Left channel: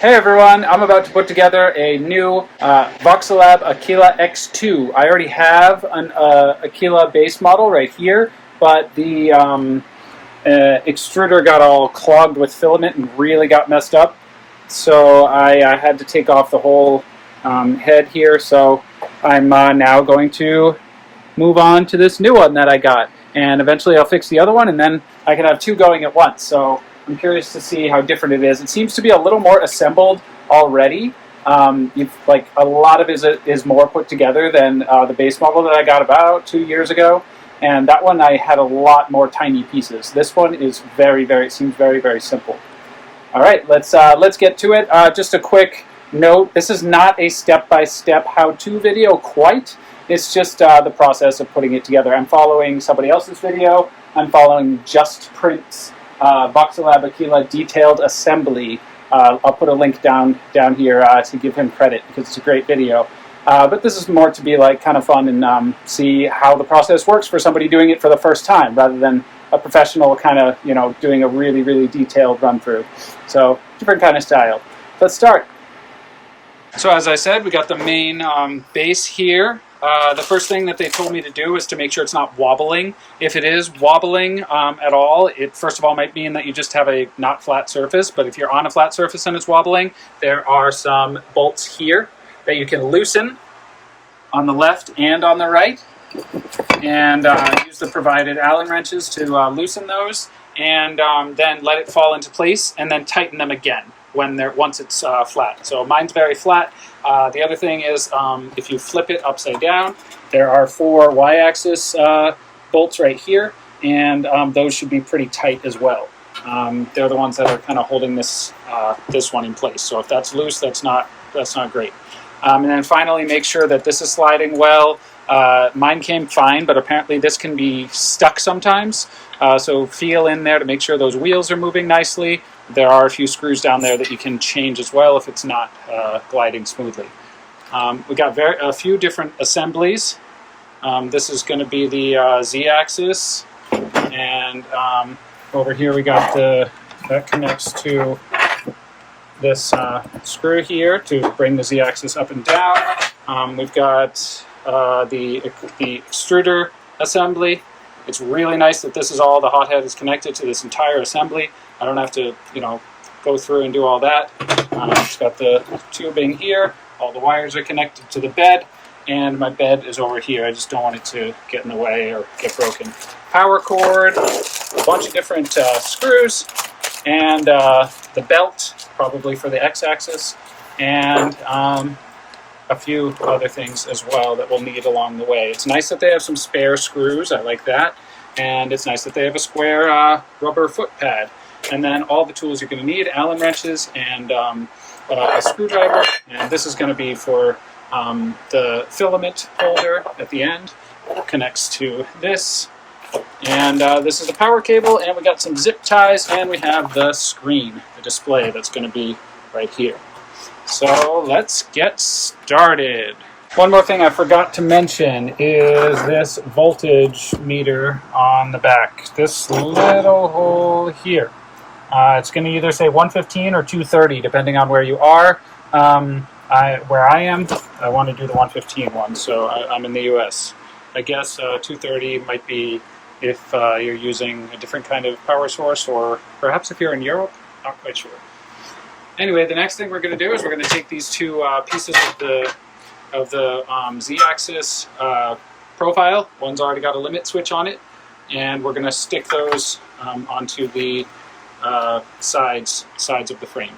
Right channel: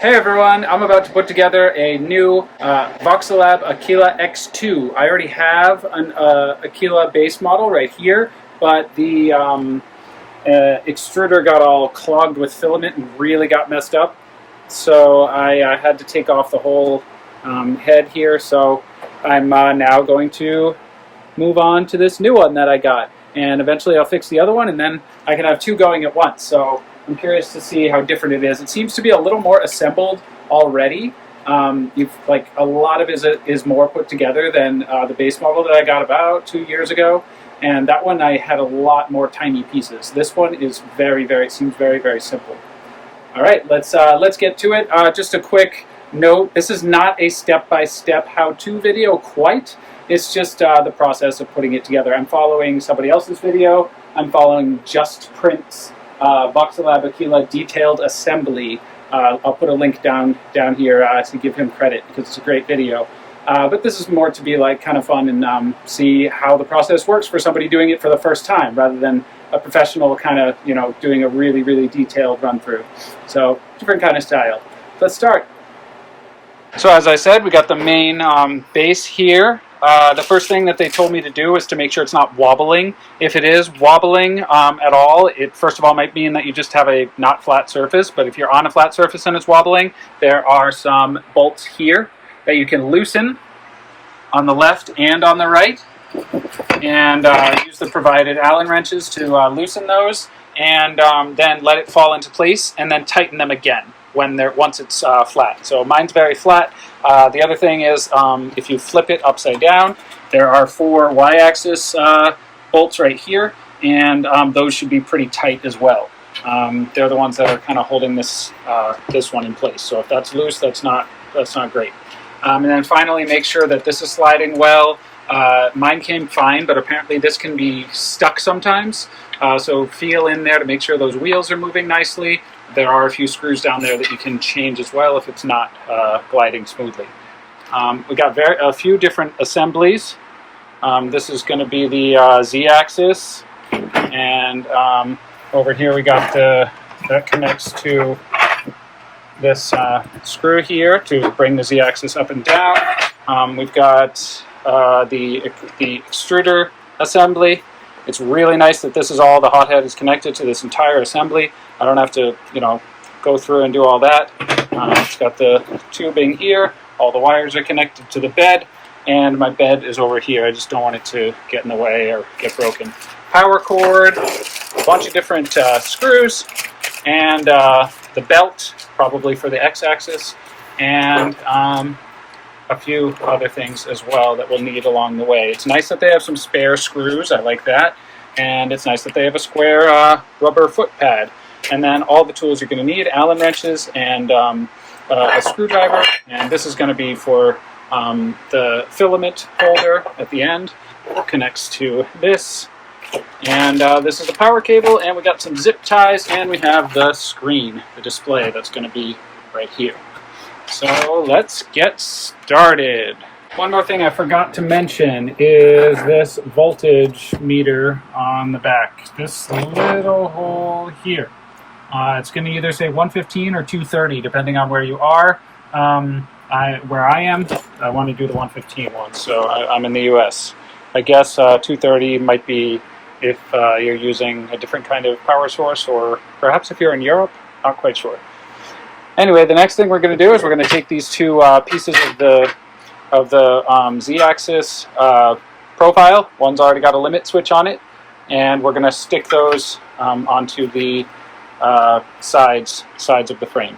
Hey everyone, I'm about to put together a new Voxelab Aquila X2. I already have an Aquila base model right here, but the extruder got all clogged with filament and really got messed up. So I had to take off the whole head here, so I'm now going to move on to this new one that I got. And eventually I'll fix the other one, and then I can have two going at once. So I'm curious to see how different it is. It seems to be a little more assembled already. Like a lot of it is more put together than the base model that I got about 2 years ago. And that one I had a lot more tiny pieces. This one is it seems very, very simple. All right, let's get to it. Just a quick note, this is not a step-by-step how-to video quite. It's just the process of putting it together. I'm following somebody else's video. I'm following Just Print's Voxelab Aquila detailed assembly. I'll put a link down here to give him credit because it's a great video. But this is more to be like kind of fun and see how the process works for somebody doing it for the first time rather than a professional kind of, doing a really, really detailed run through. So different kind of style. Let's start. So as I said, we got the main base here. The first thing that they told me to do is to make sure it's not wobbling. If it is wobbling at all, it first of all might mean that you just have a not flat surface, but if you're on a flat surface and it's wobbling, there are some bolts here that you can loosen on the left and on the right, and use the provided Allen wrenches to loosen those, and then let it fall into place, and then tighten them again once it's flat. So mine's very flat. The other thing is if you flip it upside down, there are 4 y-axis bolts right here, and those should be pretty tight as well. They're the ones that are kind of holding this one in place. So if that's loose, that's not great. And then finally, make sure that this is sliding well. Mine came fine, but apparently this can be stuck sometimes. So feel in there to make sure those wheels are moving nicely. There are a few screws down there that you can change as well if it's not gliding smoothly. We got a few different assemblies. This is going to be the Z-axis, and over here we got that connects to this screw here to bring the Z-axis up and down. We've got the extruder assembly. It's really nice that this is all, the hot head is connected to this entire assembly. I don't have to, go through and do all that. It's got the tubing here. All the wires are connected to the bed, and my bed is over here. I just don't want it to get in the way or get broken. Power cord, a bunch of different screws, and the belt, probably for the x-axis, and a few other things as well that we'll need along the way. It's nice that they have some spare screws. I like that. And it's nice that they have a square rubber foot pad. And then all the tools you're going to need, Allen wrenches and a screwdriver. And this is going to be for the filament holder at the end. Connects to this. And this is the power cable. And we got some zip ties. And we have the screen, the display that's going to be right here. So let's get started. One more thing I forgot to mention is this voltage meter on the back. This little hole here. It's going to either say 115 or 230 depending on where you are. Where I am, I want to do the 115 one, so I'm in the US. I guess 230 might be if you're using a different kind of power source, or perhaps if you're in Europe, not quite sure. Anyway, the next thing we're going to do is we're going to take these two pieces of the Z-axis profile. One's already got a limit switch on it, and we're going to stick those onto the sides of the frame.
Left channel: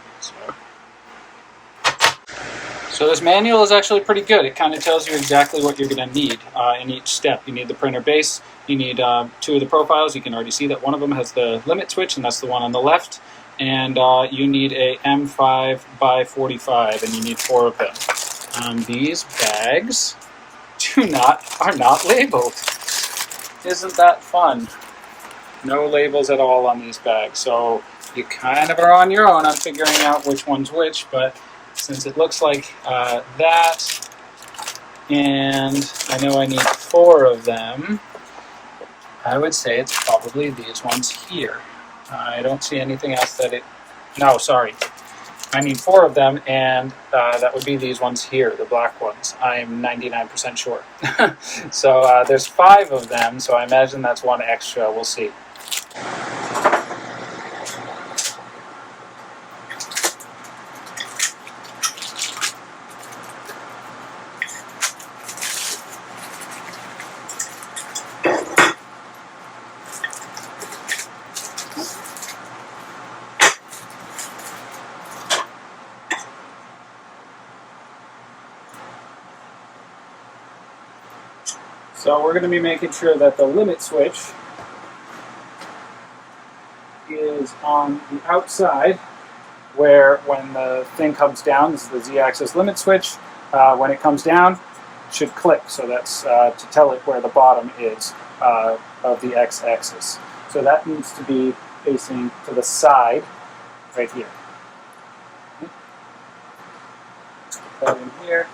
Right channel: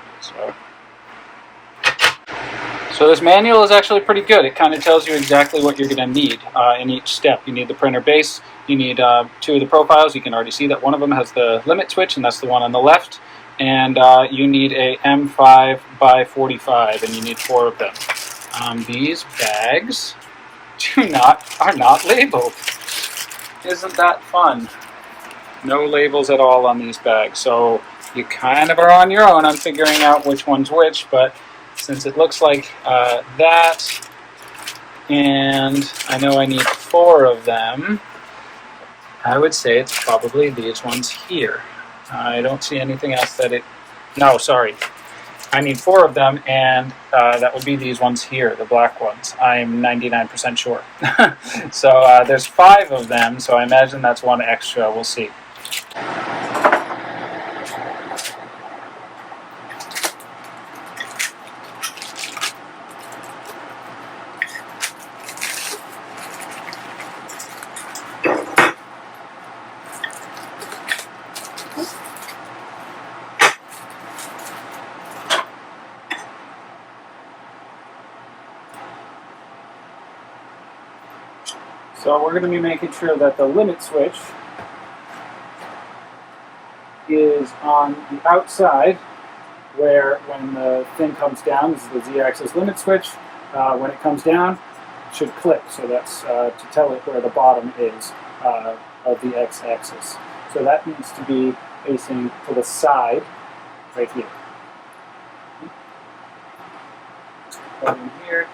So this manual is actually pretty good. It kind of tells you exactly what you're going to need in each step. You need the printer base. You need 2 of the profiles. You can already see that one of them has the limit switch, and that's the one on the left. And you need a M5 by 45, and you need 4 of them. These bags are not labeled. Isn't that fun? No labels at all on these bags, so you kind of are on your own on figuring out which one's which, but since it looks like that, and I know I need 4 of them, I would say it's probably these ones here. I don't see anything else that it... No, sorry. I need 4 of them, and that would be these ones here, the black ones. I'm 99% sure. So there's 5 of them, so I imagine that's 1 extra. We'll see. So we're going to be making sure that the limit switch is on the outside, where when the thing comes down, this is the Z-axis limit switch, when it comes down, it should click. So that's to tell it where the bottom is of the X-axis. So that needs to be facing to the side, right here. Put that in here.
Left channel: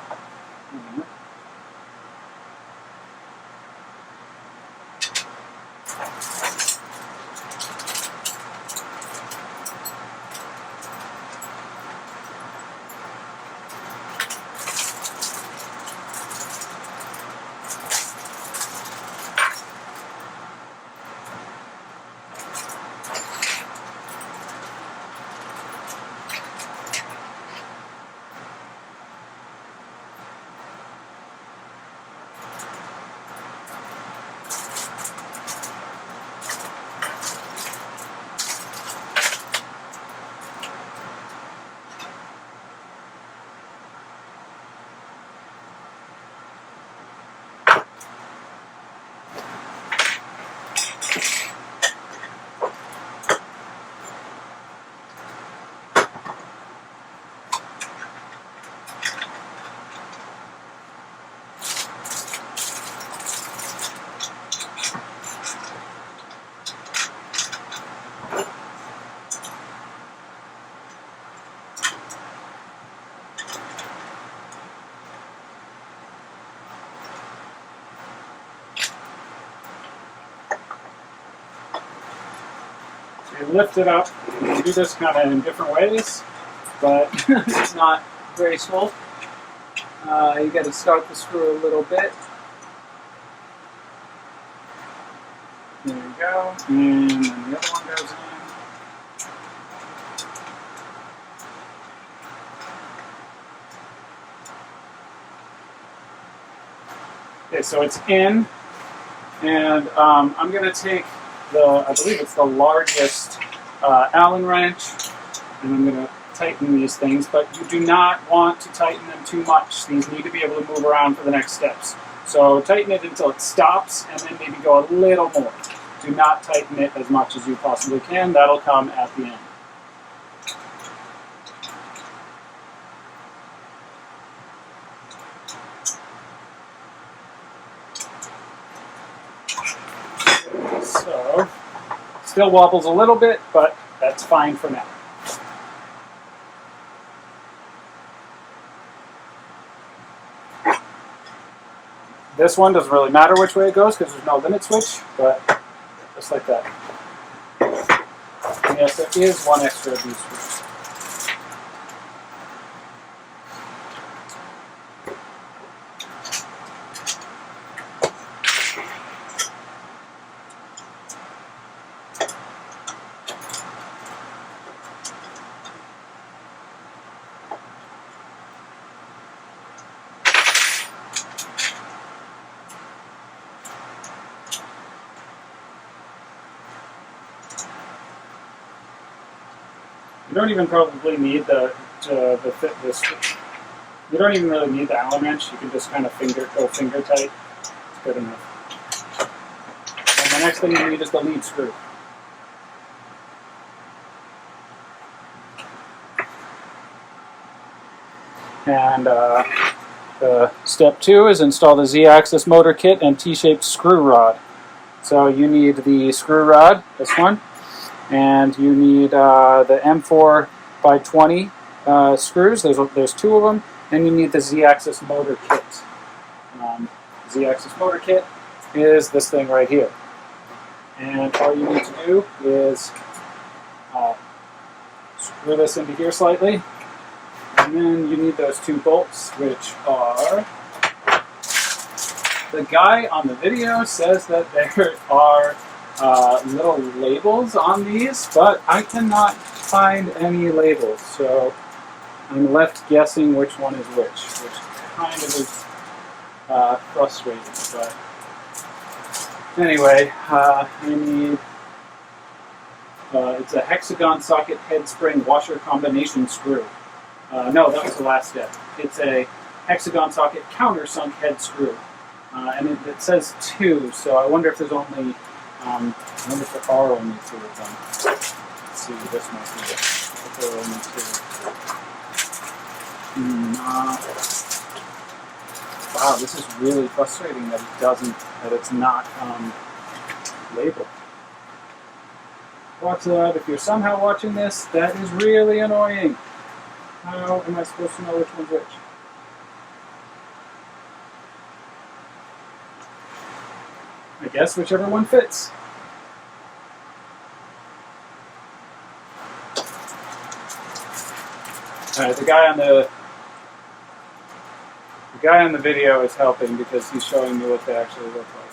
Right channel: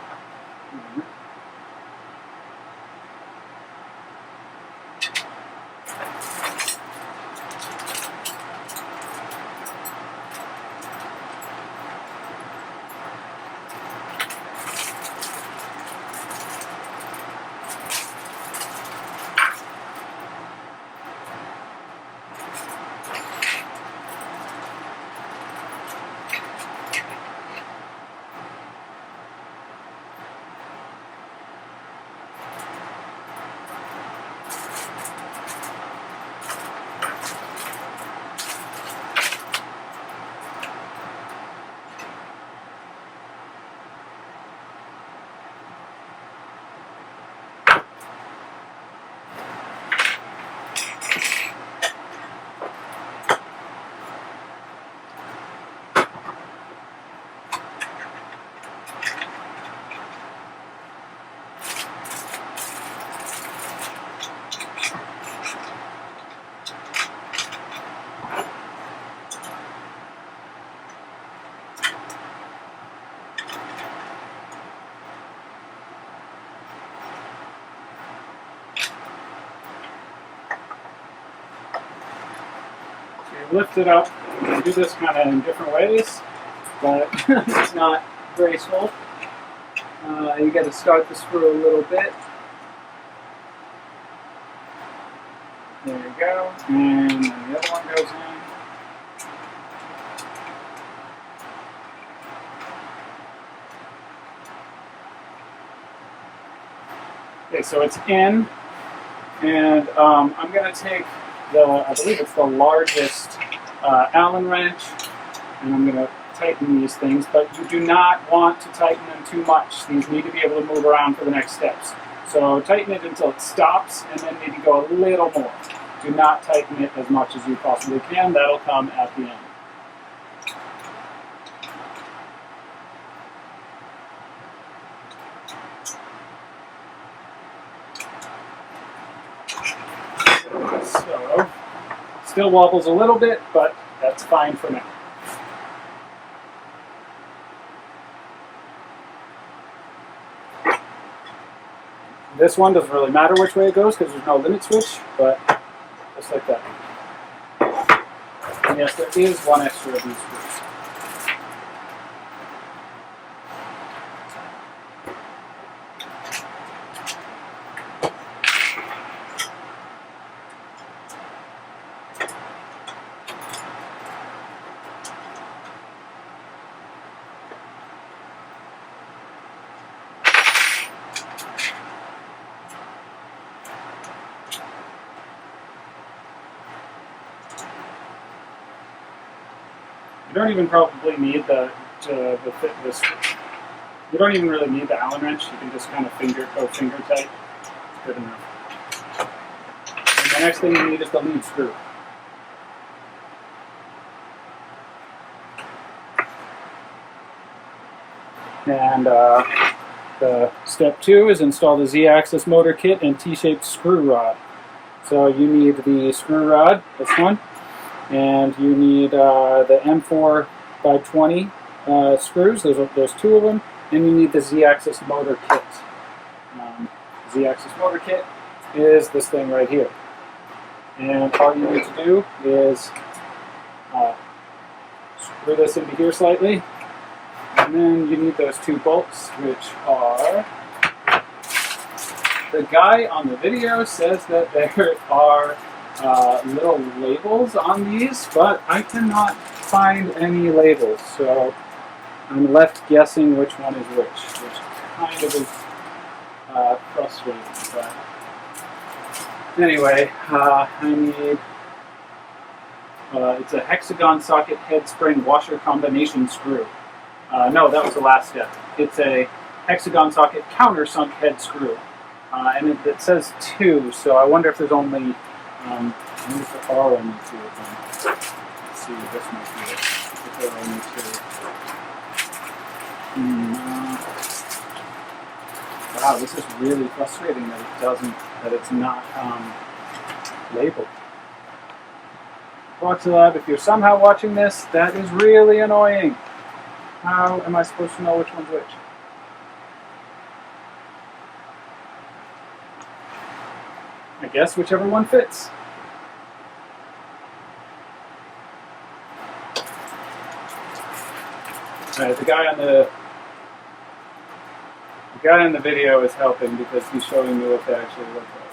You lift it up. You can do this kind of in different ways, but it's not graceful. You got to start the screw a little bit. There you go. And then the other one goes in. Okay, so it's in, and I'm going to take I believe it's the largest Allen wrench, and I'm going to tighten these things, but you do not want to tighten them too much. These need to be able to move around for the next steps. So tighten it until it stops, and then maybe go a little more. Do not tighten it as much as you possibly can. That'll come at the end. So, still wobbles a little bit, but that's fine for now. This one doesn't really matter which way it goes because there's no limit switch, but just like that. And yes, there is one extra of these screws. You don't even probably need the you don't even really need the Allen wrench. You can just kind of go finger tight. It's good enough. And the next thing you need is the lead screw. And the step 2 is install the Z-axis motor kit and T-shaped screw rod. So you need the screw rod, this one. And you need the M4 by 20 screws. There's 2 of them, and you need the Z-axis motor kit. Z-axis motor kit is this thing right here, and all you need to do is screw this into here slightly, And then you need those 2 bolts, which are... The guy on the video says that there are little labels on these, but I cannot find any labels, so I'm left guessing which one is which kind of is frustrating. But anyway, I need... it's a hexagon socket head spring washer combination screw. No, that was the last step. It's a hexagon socket countersunk head screw. And it says 2, so I wonder if there's only, I wonder if there are only 2 of them. Let's see, this might be it. If there are only 2. Wow, this is really frustrating that it's not labeled. Voxelab, if you're somehow watching this, that is really annoying. How am I supposed to know which one's which? I guess whichever one fits. Alright, the guy on the video is helping because he's showing me what they actually look like.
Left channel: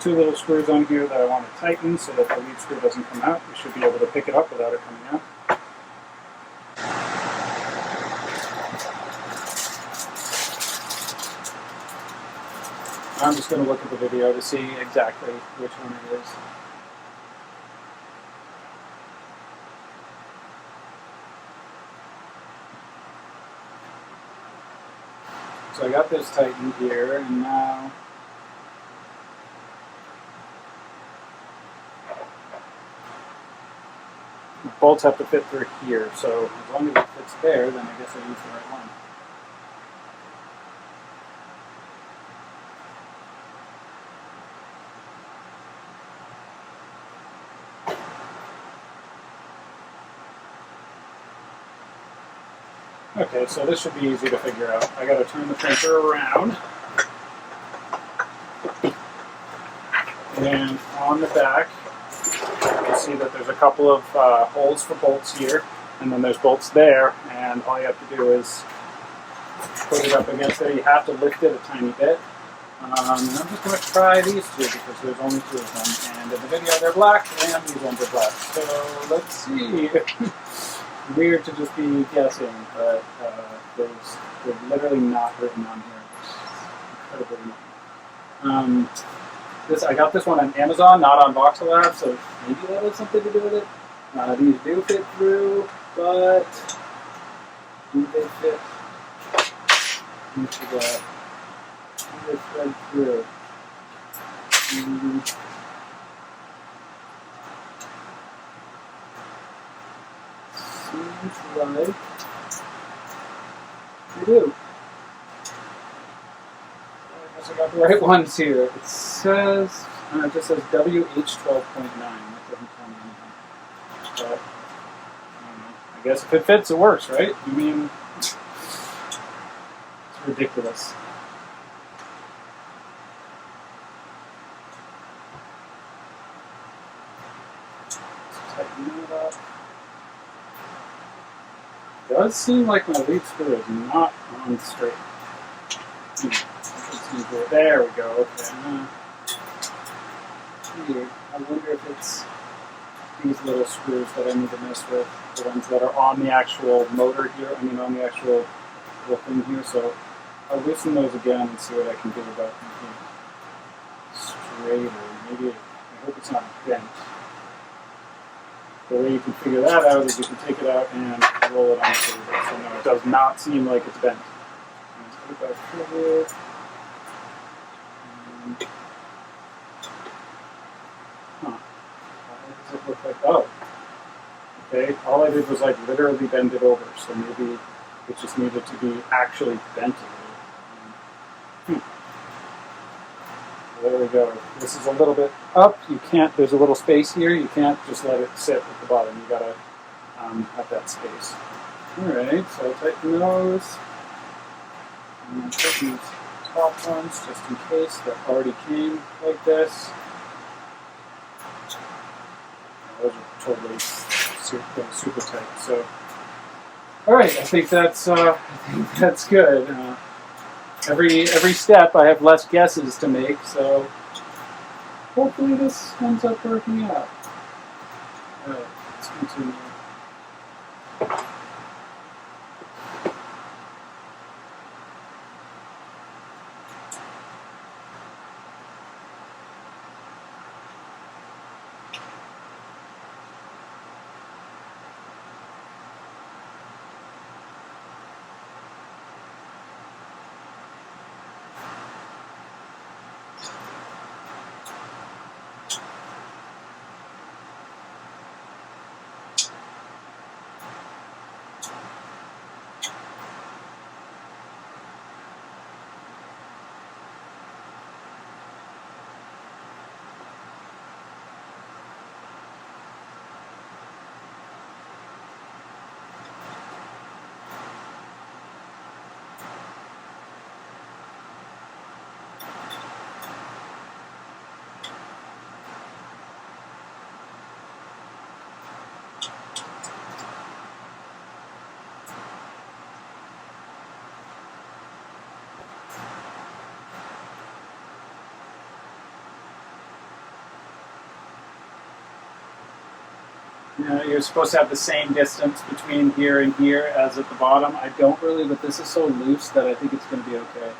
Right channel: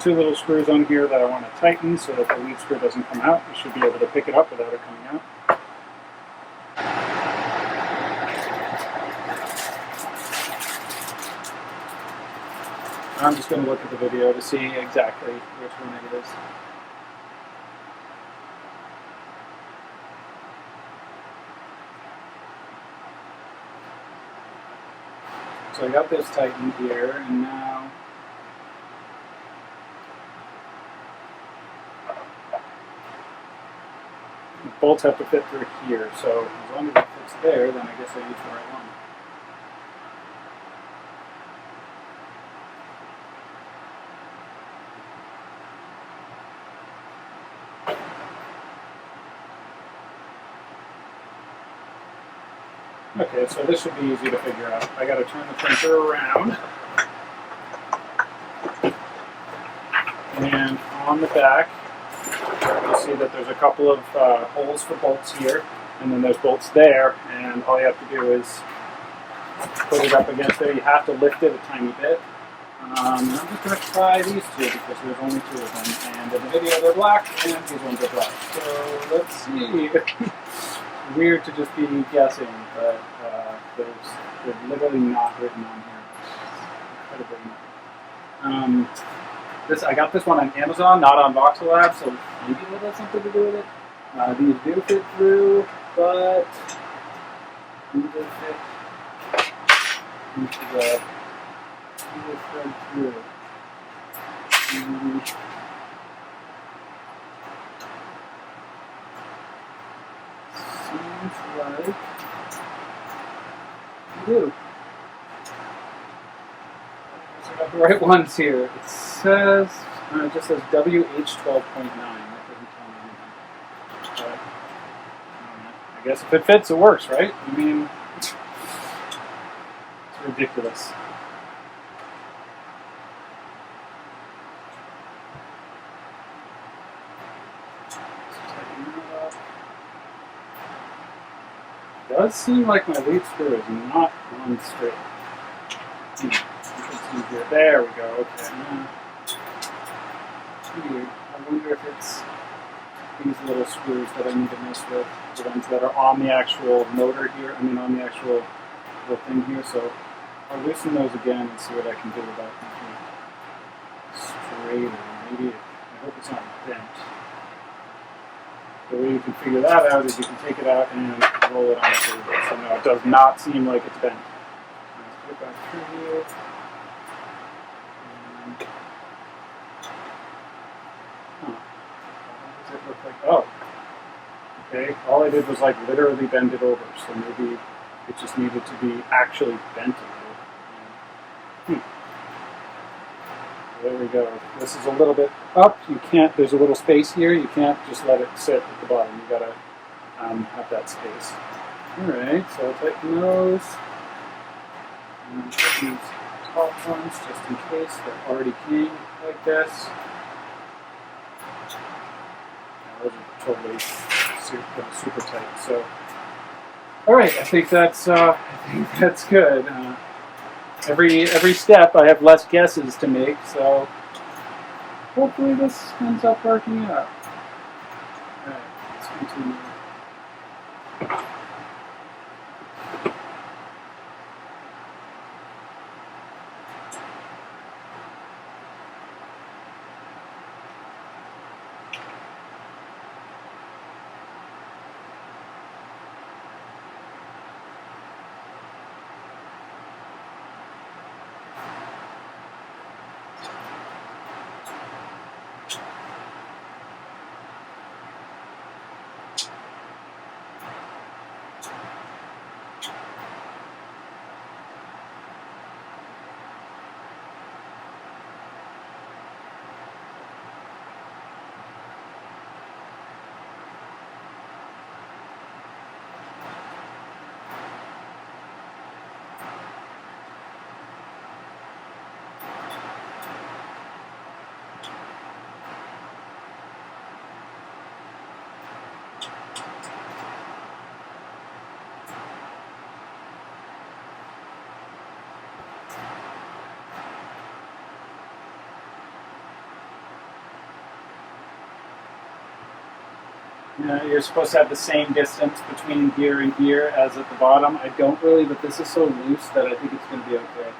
Two little screws on here that I want to tighten so that the lead screw doesn't come out. You should be able to pick it up without it coming out. I'm just going to look at the video to see exactly which one it is. So I got this tightened here, and now the bolts have to fit through here, so as long as it fits there, then I guess I use the right one. Okay, so this should be easy to figure out. I got to turn the printer around. And on the back, you'll see that there's a couple of holes for bolts here, and then there's bolts there, and all you have to do is put it up against there. You have to lift it a tiny bit. And I'm just going to try these two because there's only 2 of them, and in the video they're black, and these ones are black. So let's see. Weird to just be guessing, but they're literally not written on here. It's incredibly annoying. I got this one on Amazon, not on Voxelab, so maybe that has something to do with it. These do fit through, but do they fit into the thread through? Seems like they do. I guess I got the right ones here. It says, it just says WH 12.9. That doesn't tell me anything. But, I don't know. I guess if it fits, it works, right? I mean, it's ridiculous. Let's tighten that up. It does seem like my lead screw is not on straight. There we go. Okay. Weird. I wonder if it's these little screws that I need to mess with, the ones that are on the actual motor here. I mean, on the actual little thing here. So I'll loosen those again and see what I can do about making it straighter. Maybe I hope it's not bent. The way you can figure that out is you can take it out and roll it on the table. So no, it does not seem like it's bent. Let's put it back through here. How does it look like? Oh, okay. All I did was like literally bend it over. So maybe It just needed to be actually bent a little. There we go. This is a little bit up. You can't, there's a little space here. You can't just let it sit at the bottom. You gotta have that space. Alright, so I'll tighten those. And I'll tighten these top ones just in case that already came like this. And those are totally super tight. So, alright, I think that's good. Every step I have less guesses to make, so hopefully this ends up working out. Alright, let's continue. You're supposed to have the same distance between here and here as at the bottom. I don't really, but this is so loose that I think it's going to be okay.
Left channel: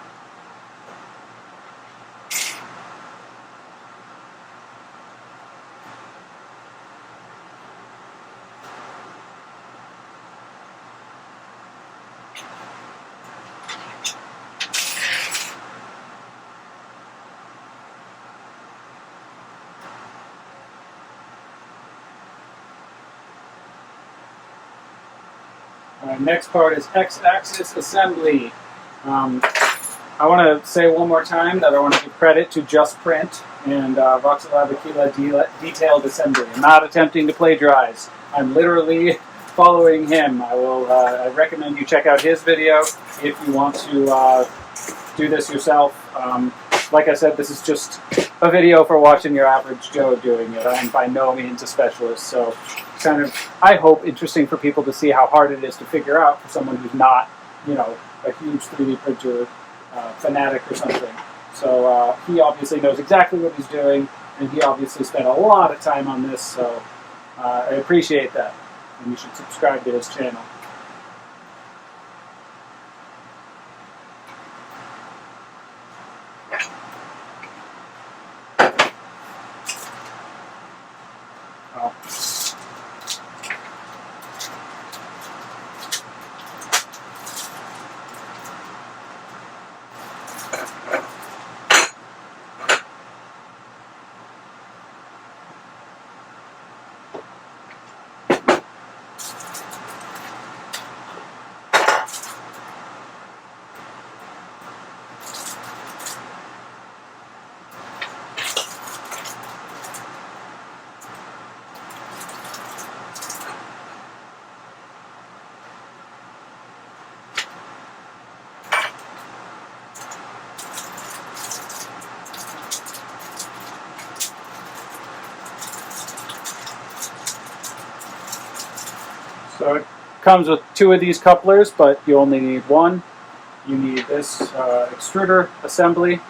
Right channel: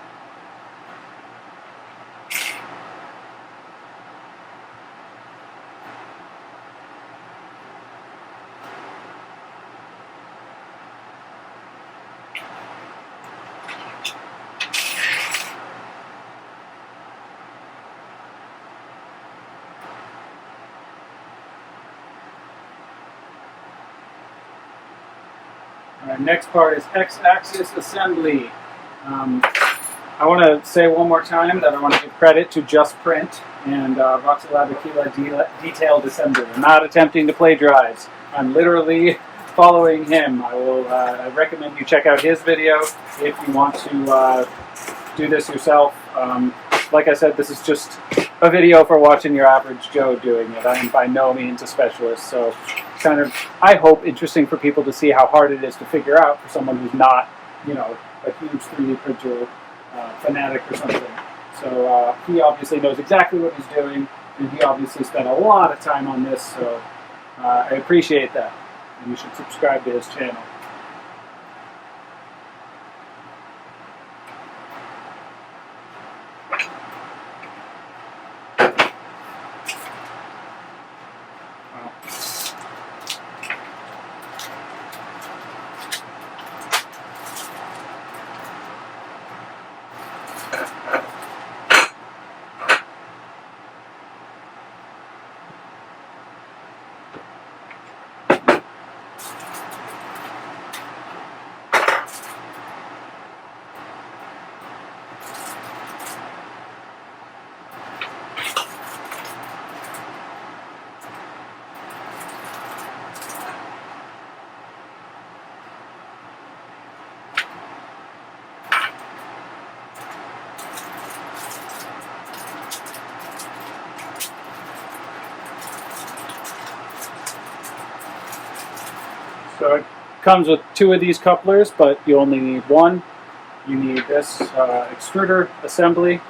Alright, next part is X-axis assembly. I want to say one more time that I want to give credit to Just Print and Voxelab Aquila detailed assembly. I'm not attempting to plagiarize. I'm literally following him. I recommend you check out his video if you want to do this yourself. Like I said, this is just a video for watching your average Joe doing it. I am by no means a specialist, so kind of, I hope, interesting for people to see how hard it is to figure out for someone who's not, you know, a huge 3D printer fanatic or something. So he obviously knows exactly what he's doing, and he obviously spent a lot of time on this, so I appreciate that. And you should subscribe to his channel. So it comes with 2 of these couplers, but you only need 1. You need this extruder assembly,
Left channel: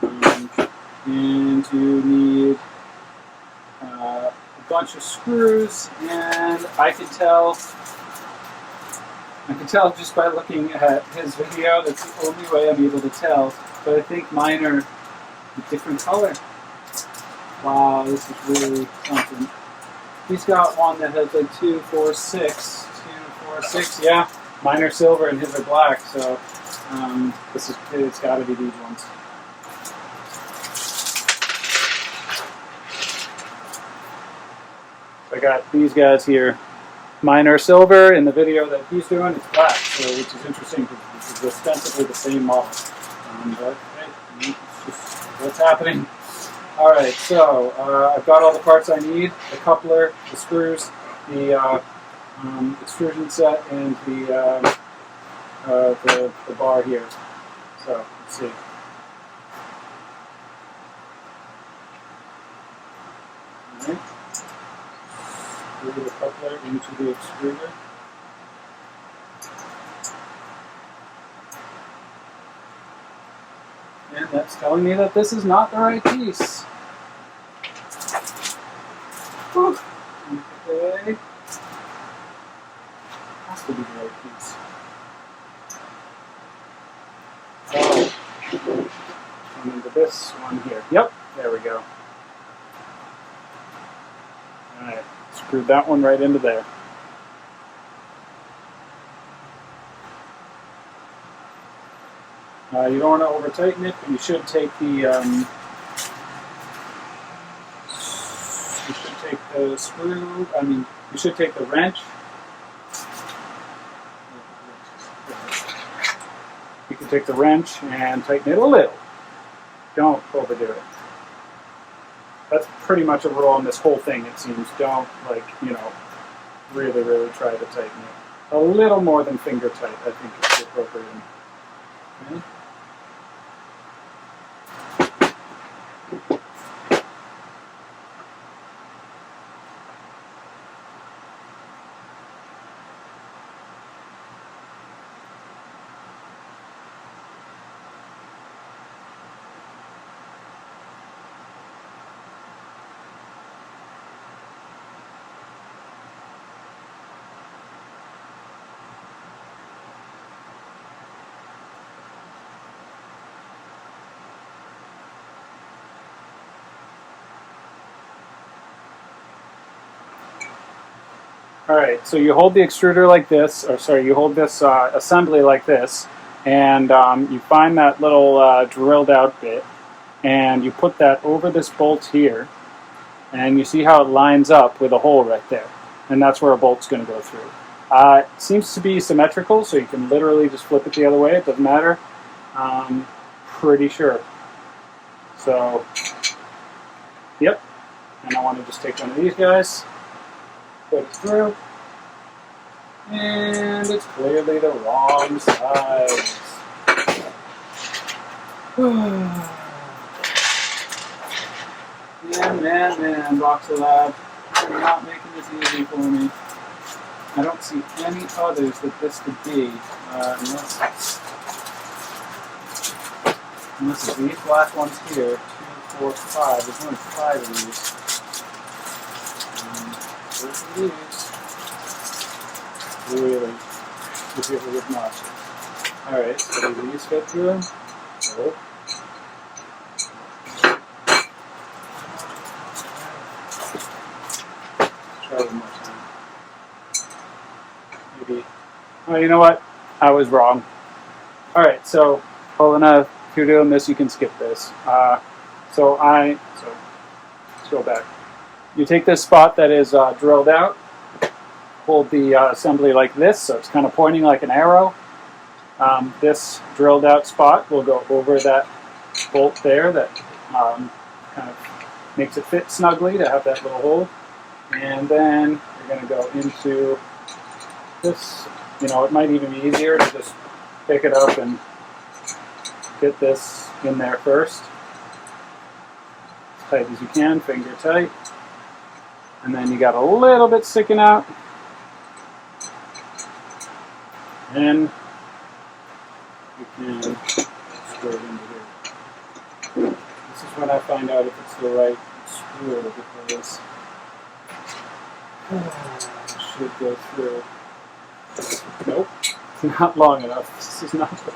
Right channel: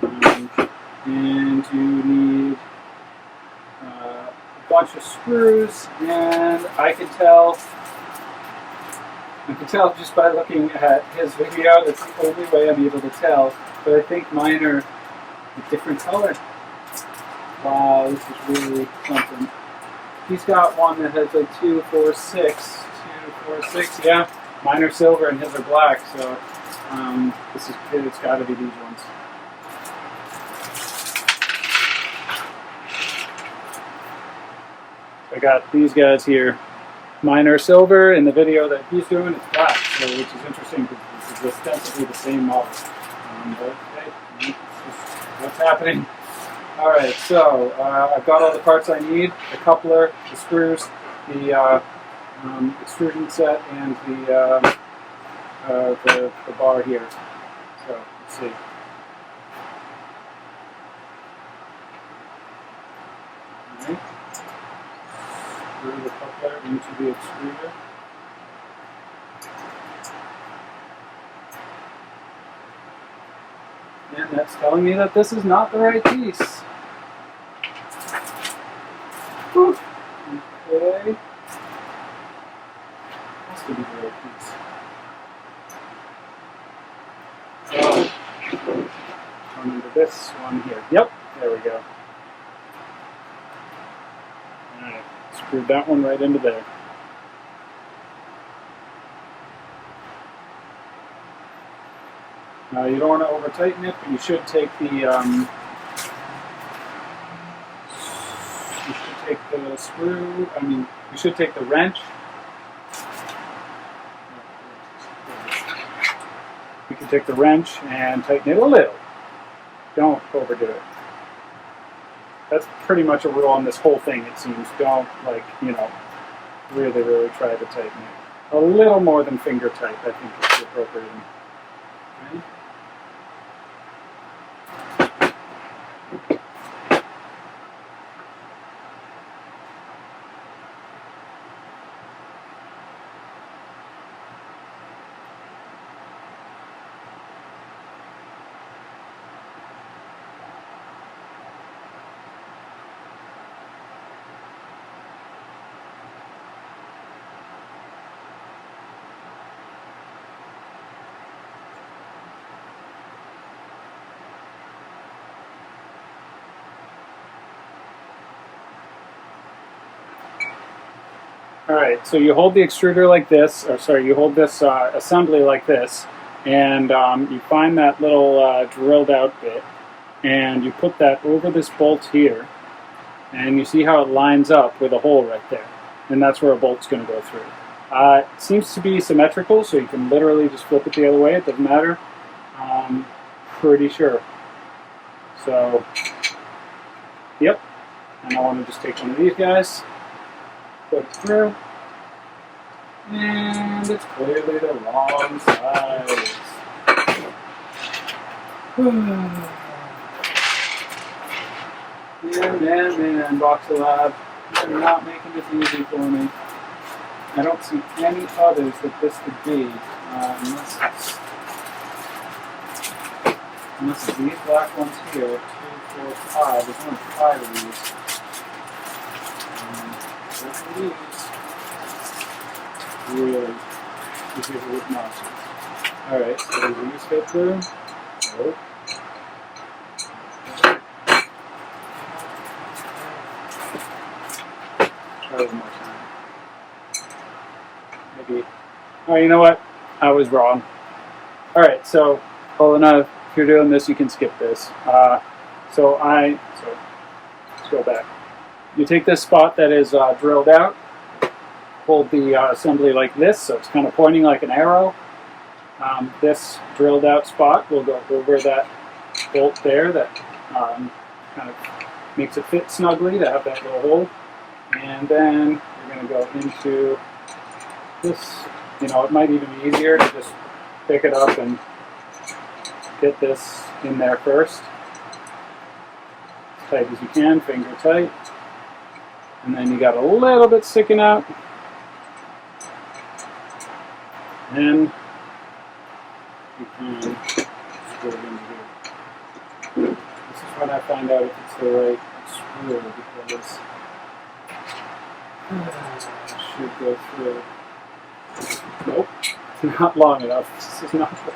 and you need a bunch of screws. And I can tell just by looking at his video. That's the only way I'm able to tell. But I think mine are a different color. Wow, this is really something. He's got one that has like 2, 4, 6. 2, 4, 6, yeah. Mine are silver and his are black, so it's got to be these ones. I got these guys here. Mine are silver. In the video that he's doing, it's black, so which is interesting because this is ostensibly the same model. But hey, it's just what's happening. All right, so I've got all the parts I need: the coupler, the screws, the extrusion set, and the bar here. So let's see. All right. Screw the coupler into the extruder. And that's telling me that this is not the right piece. Whew. Okay. Has to be the right piece. So, going into this one here. Yep, there we go. Alright, screwed that one right into there. You don't want to over tighten it, but you should take the screw. I mean, you should take the wrench. You can take the wrench and tighten it a little. Don't overdo it. That's pretty much a rule on this whole thing, it seems. Don't, really, really try to tighten it. A little more than finger tight, I think, is the appropriate. Okay. All right, so you hold the extruder like this, you hold this assembly like this, and you find that little drilled out bit, and you put that over this bolt here, and you see how it lines up with a hole right there, and that's where a bolt's going to go through. It seems to be symmetrical, so you can literally just flip it the other way, it doesn't matter. Pretty sure. So, yep, and I want to just take one of these guys. Put it through, and it's clearly the wrong size. Man, Voxelab, you're not making this easy for me. I don't see any others that this could be, unless it's these black ones here. 2, 4, 5. There's only 5 of these. Those are these. Really, this is with notches. Alright, so do these fit through? Nope. Try one more time. Maybe. Oh, you know what? I was wrong. Alright, so, Olena, if you're doing this, you can skip this. So let's go back. You take this spot that is drilled out, hold the assembly like this, so it's kind of pointing like an arrow. This drilled out spot will go over that bolt there that kind of makes it fit snugly to have that little hole. And then you're going to go into this. It might even be easier to just pick it up and get this in there first. As tight as you can, finger tight. And then you got a little bit sticking out. Then you can screw it into here. This is when I find out if it's the right screw, because it should go through. Nope, it's not long enough. This is not the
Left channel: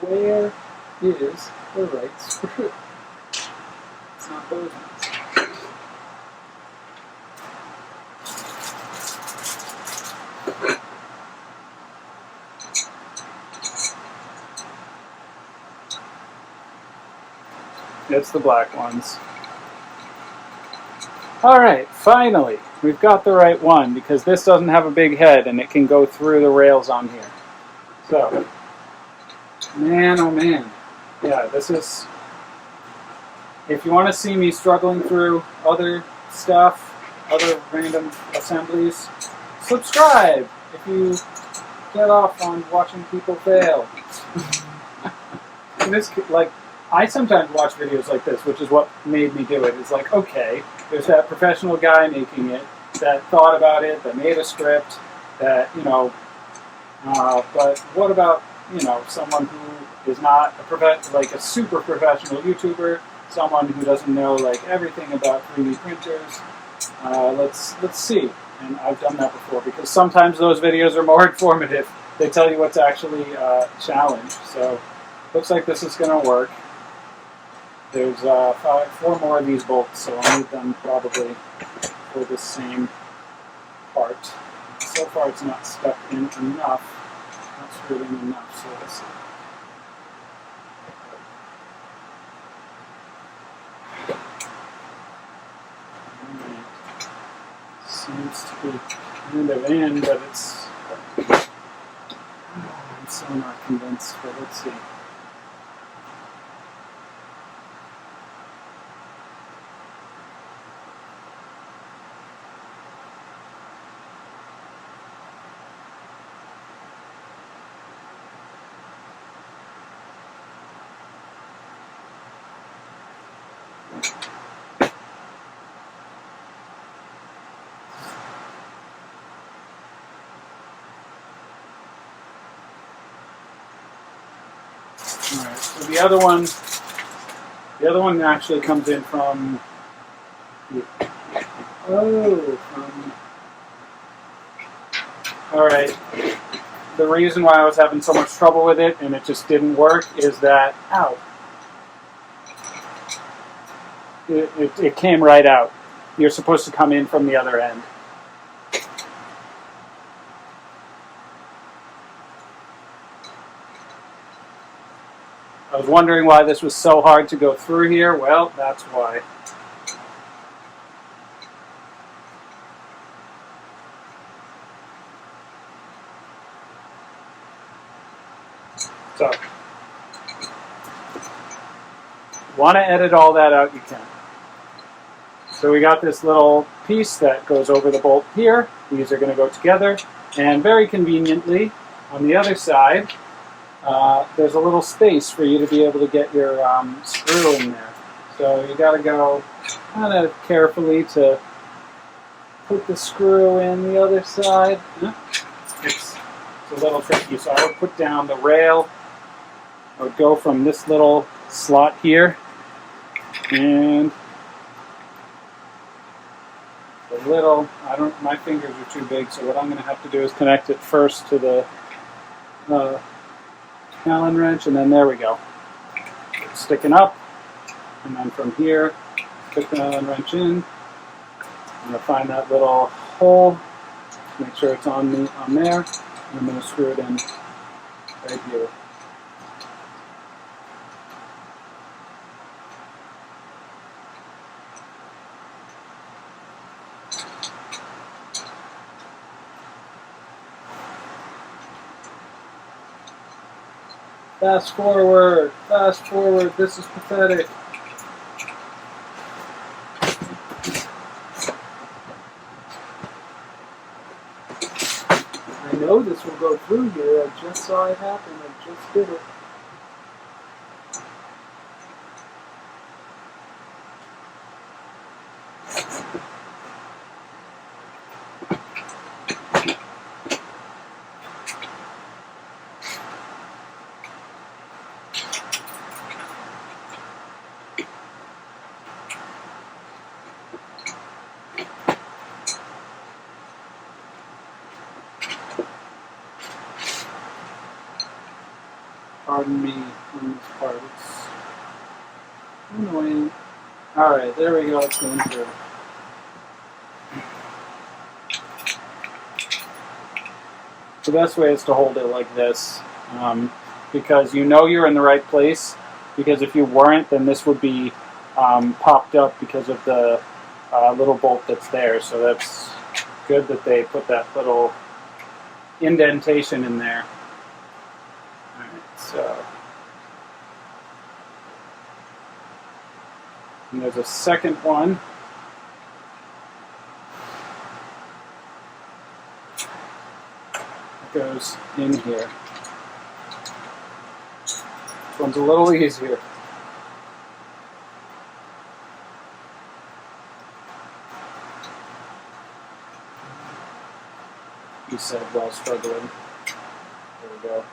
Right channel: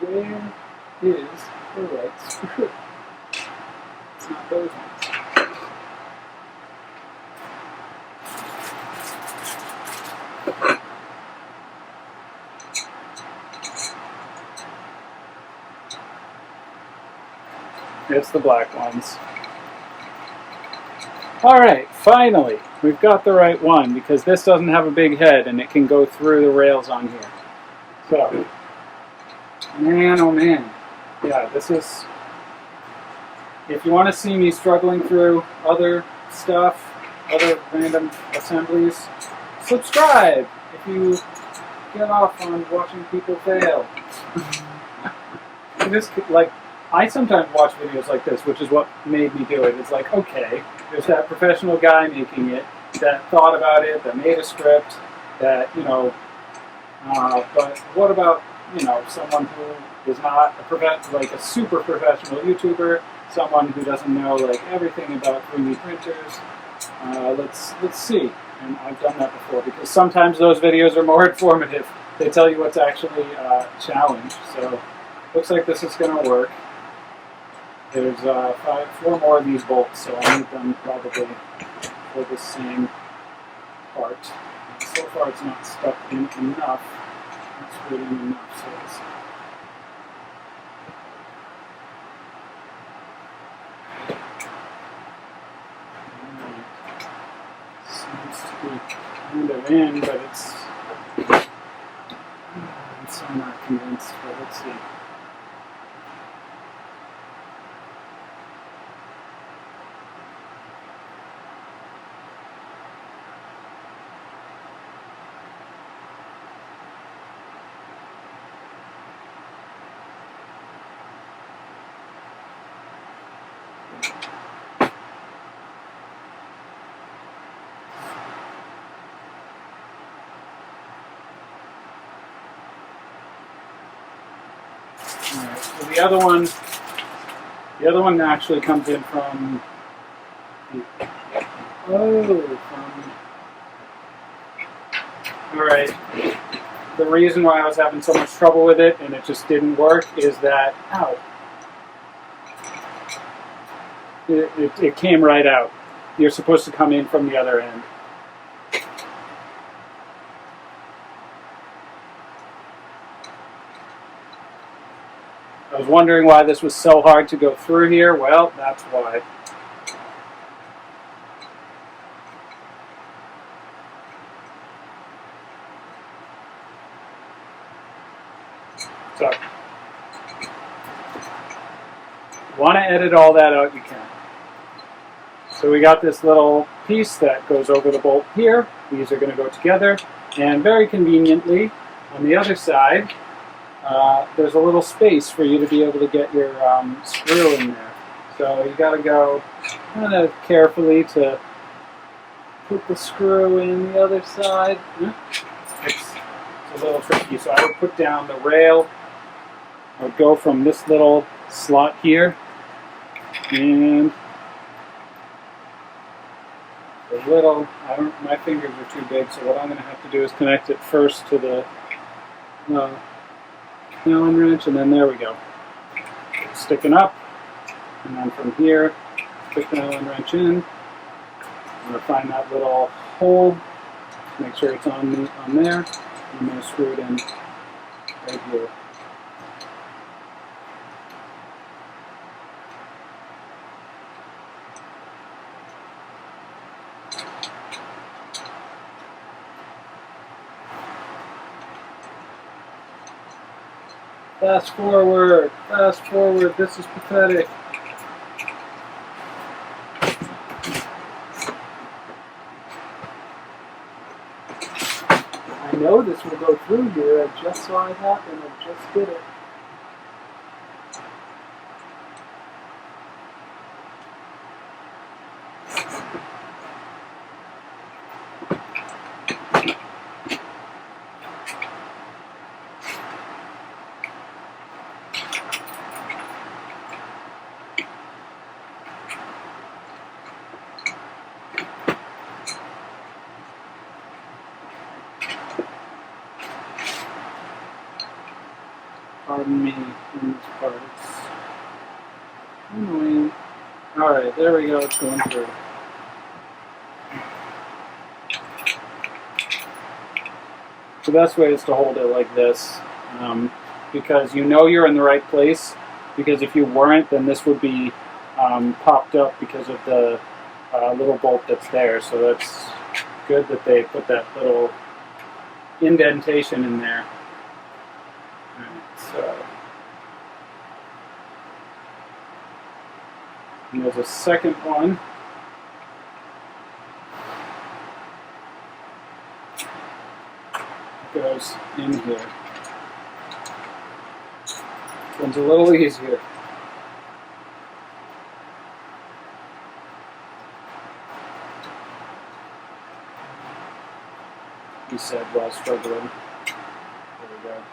Where is the right screw? It's not those ones. It's the black ones. Alright, finally, we've got the right one because this doesn't have a big head and it can go through the rails on here. So, man oh man. Yeah, this is, if you want to see me struggling through other stuff, other random assemblies, subscribe if you get off on watching people fail. This, like, I sometimes watch videos like this, which is what made me do it. It's like, okay, there's that professional guy making it, that thought about it, that made a script, that, you know, but what about, you know, someone who is not like a super professional YouTuber, someone who doesn't know like everything about 3D printers? Let's see. And I've done that before because sometimes those videos are more informative. They tell you what's actually a challenge. So looks like this is going to work. There's 4 more of these bolts, so I'll need them probably for the same part. So far it's not stuck in enough. Not screwed in enough, so let's see. Seems to be kind of in, but I'm so not convinced, but let's see. Alright, so the other one actually comes in from alright. The reason why I was having so much trouble with it and it just didn't work is that, ow, it came right out. You're supposed to come in from the other end. I was wondering why this was so hard to go through here. Well, that's why. So, want to edit all that out, you can. So we got this little piece that goes over the bolt here. These are going to go together. And very conveniently, on the other side, there's a little space for you to be able to get your screw in there. So you got to go kind of carefully to put the screw in the other side. It's a little tricky. So I would put down the rail. I would go from this little slot here and the little, my fingers are too big, so what I'm going to have to do is connect it first to the Allen wrench, and then there we go. It's sticking up, and then from here, stick the Allen wrench in. I'm going to find that little hole, make sure it's on there, and I'm going to screw it in right here. Fast forward, this is pathetic. I know this will go through here, I just saw it happen, I just did it. Pardon me on this part, it's annoying. Alright, there we go, it's going through. The best way is to hold it like this, because you know you're in the right place, because if you weren't, then this would be popped up because of the little bolt that's there. So that's good that they put that little indentation in there. All right, so and there's a second one. That goes in here. This one's a little easier. He said while struggling. There we go.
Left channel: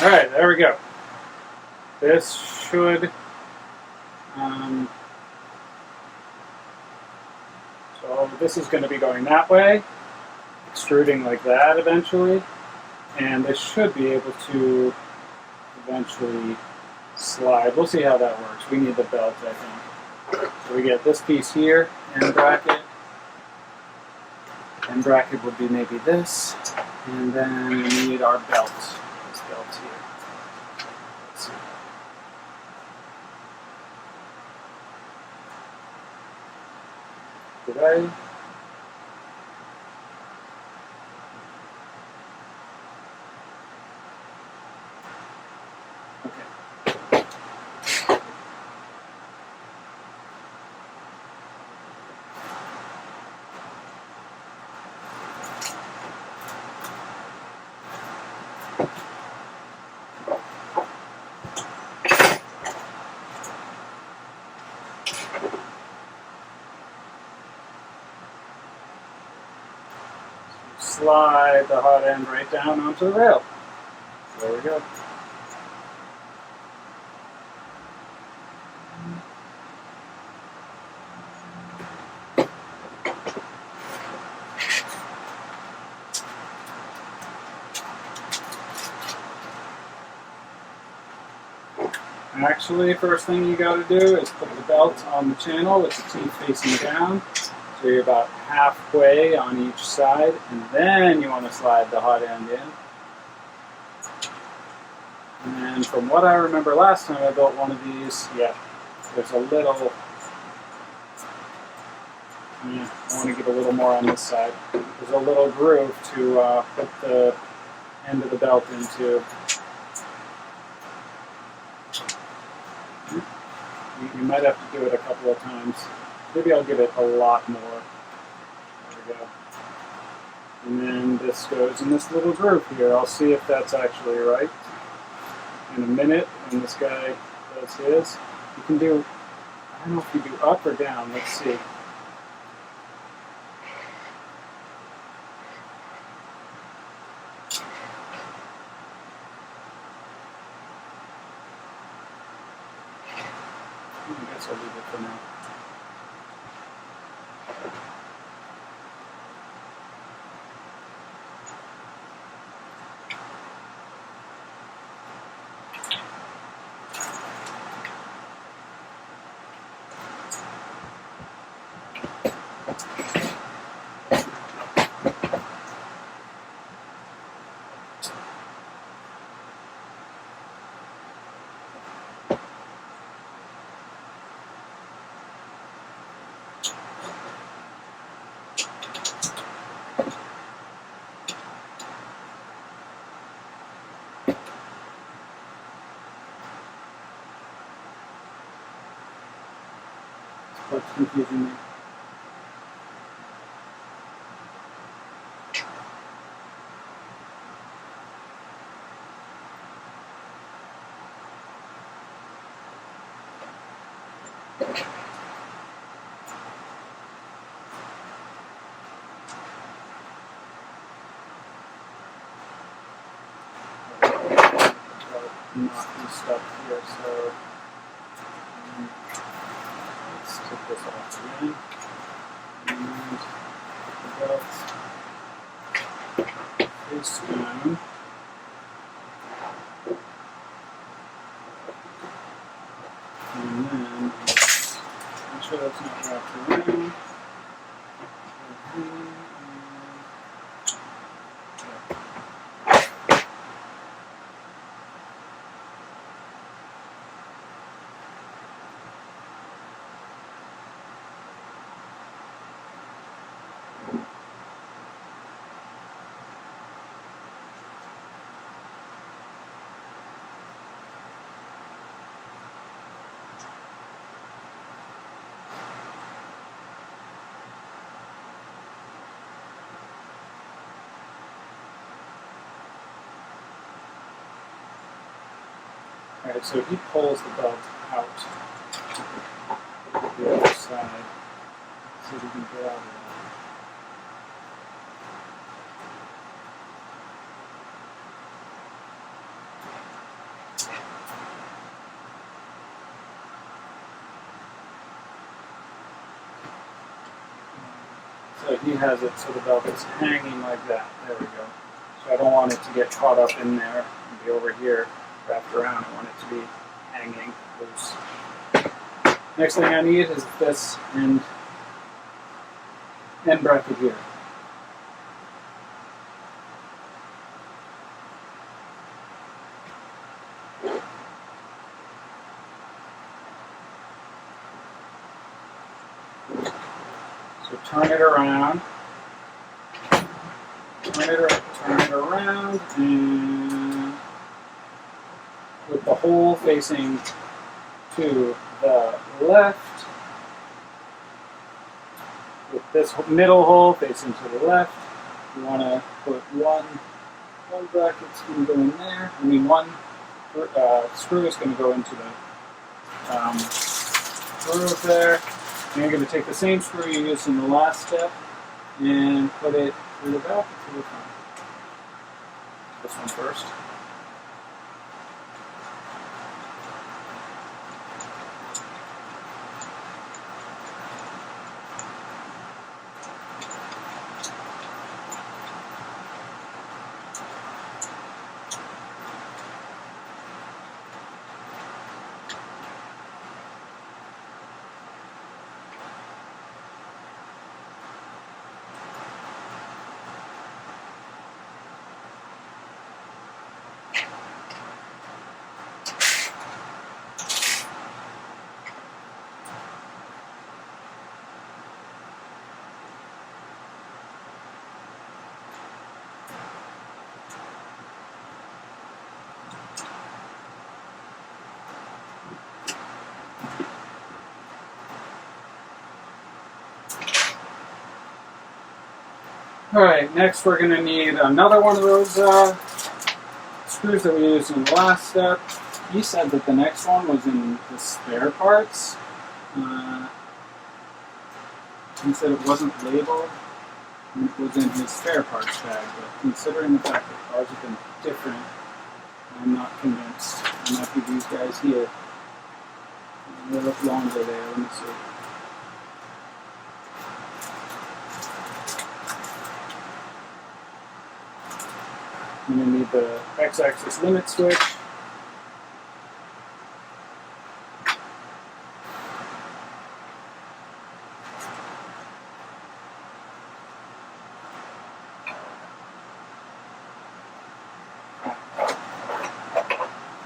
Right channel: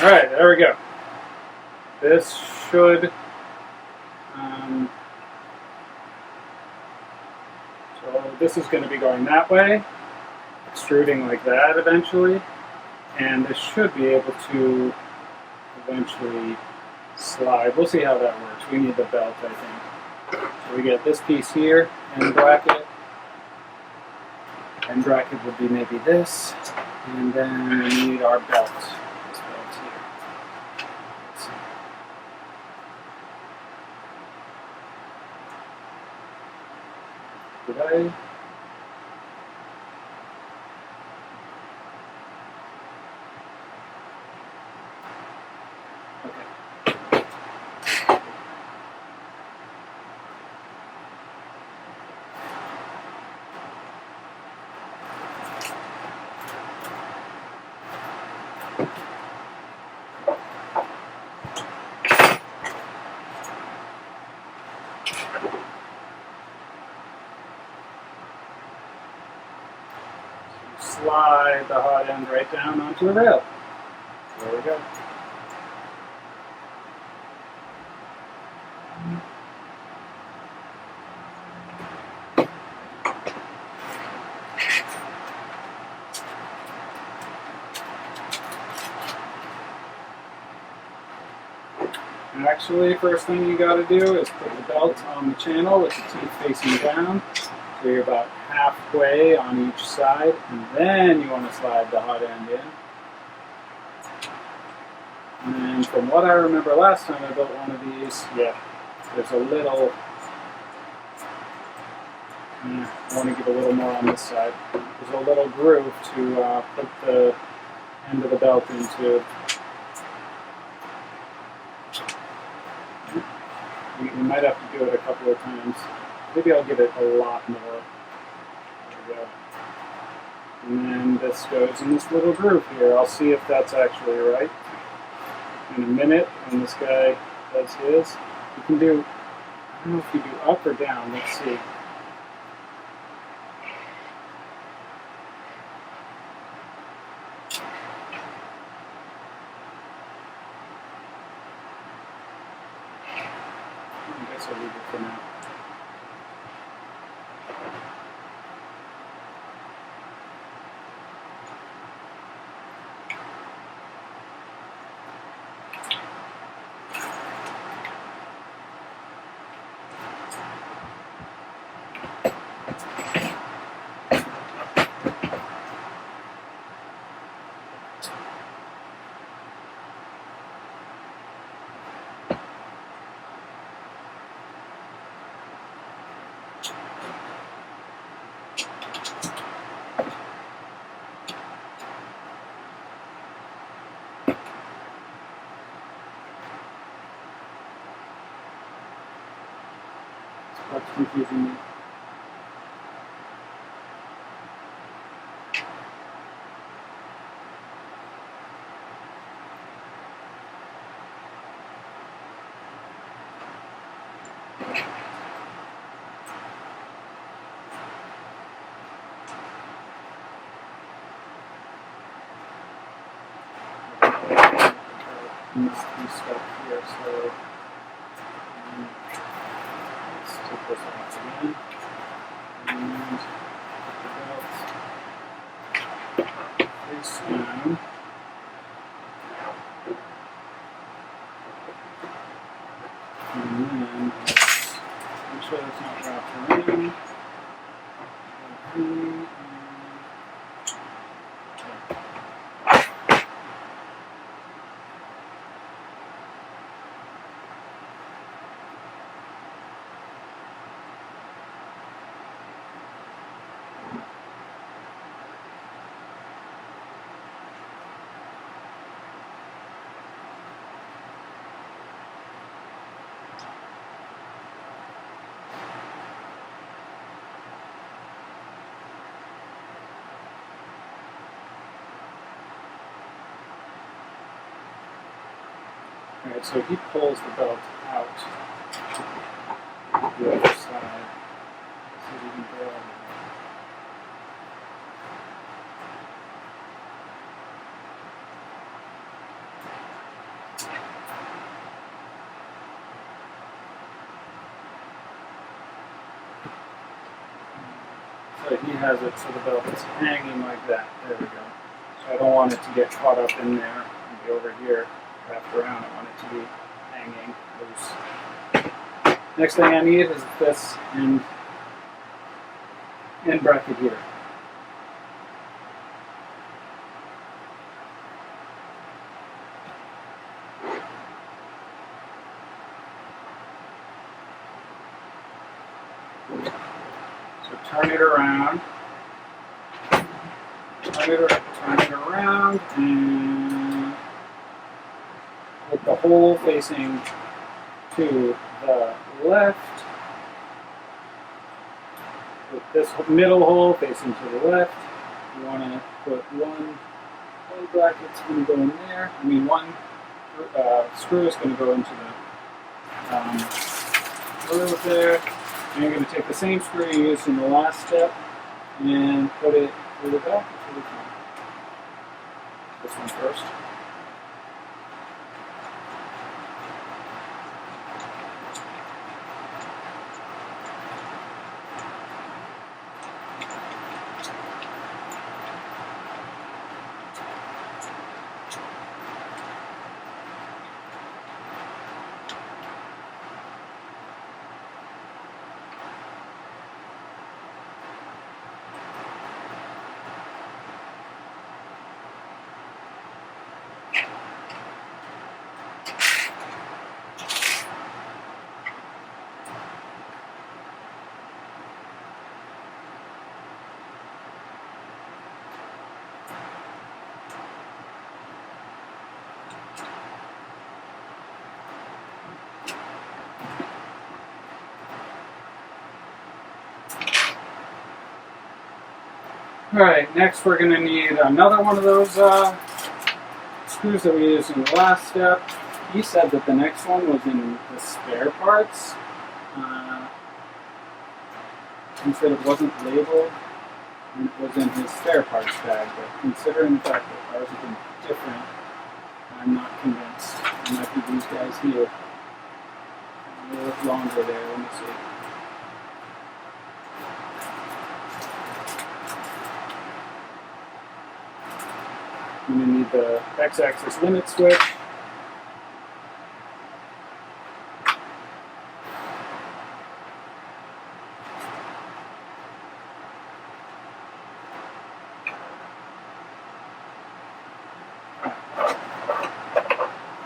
All right, there we go. This should, so this is going to be going that way, extruding like that eventually, and this should be able to eventually slide. We'll see how that works. We need the belt, I think. So we get this piece here, end bracket. End bracket would be maybe this, and then we need our belt. Here. Let's see. Did I? Okay. Slide the hot end right down onto the rail. There we go. Actually, first thing you got to do is put the belt on the channel with the teeth facing down. So you're about halfway on each side, and then you want to slide the hot end in. And from what I remember last time I built one of these, yeah, there's a little, I want to give a little more on this side. There's a little groove to put the end of the belt into. You might have to do it a couple of times. Maybe I'll give it a lot more. There we go. And then this goes in this little groove here. I'll see if that's actually right in a minute when this guy does his. You can do, I don't know if you do up or down. Let's see. I guess I'll leave it for now. What's confusing me? not be stuck here. So let's take this off again and put the belt face down. And then let's make sure that's not wrapped around. Alright, so he pulls the belt out the other side so we can grab it. So he has it so the belt is hanging like that. There we go. So I don't want it to get caught up in there and be over here wrapped around. I want it to be hanging loose. Next thing I need is this end bracket here. So turn it around, turn it around, and with the hole facing to the left, with this middle hole facing to the left, you want to put one bracket's going to go in there. I mean, one screw is going to go into the groove there. And you're going to take the same screw you used in the last step and put it through the back and through the front. This one first. Alright, next we're going to need another one of those screws that we used in the last step. He said that the next one was in the spare parts. He said it wasn't labeled and it was in his spare parts bag, but considering the fact that ours have been different, I'm not convinced. It might be these guys here. They look longer there, let me see. I'm going to need the X-axis limit switch.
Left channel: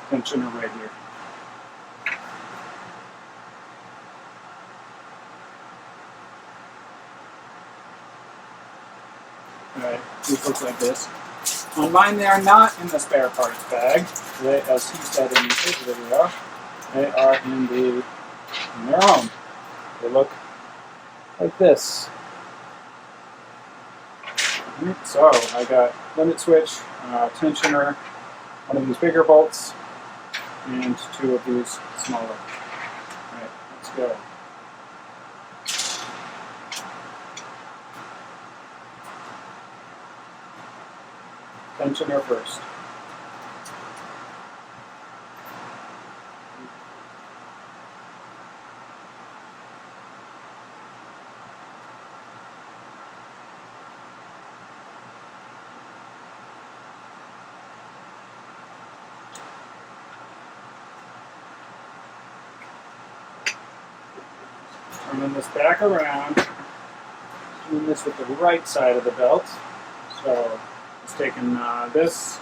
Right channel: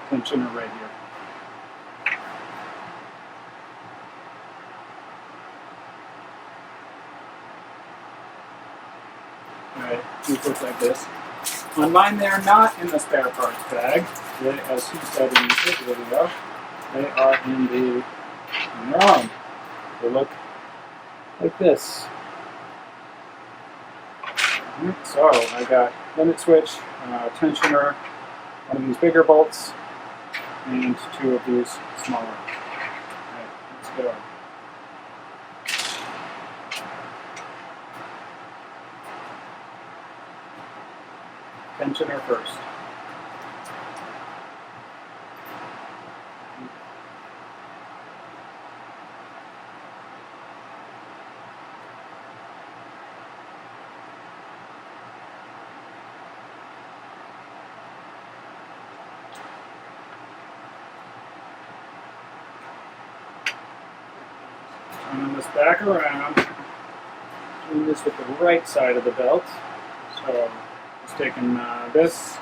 Tensioner right here. Alright, these look like this. On mine, they are not in the spare parts bag. They, as he said in his video, they are in their own. They look like this. So I got limit switch, tensioner, one of these bigger bolts, and two of these smaller. Alright, let's go. Tensioner first. Turning this back around, doing this with the right side of the belt. So just taking this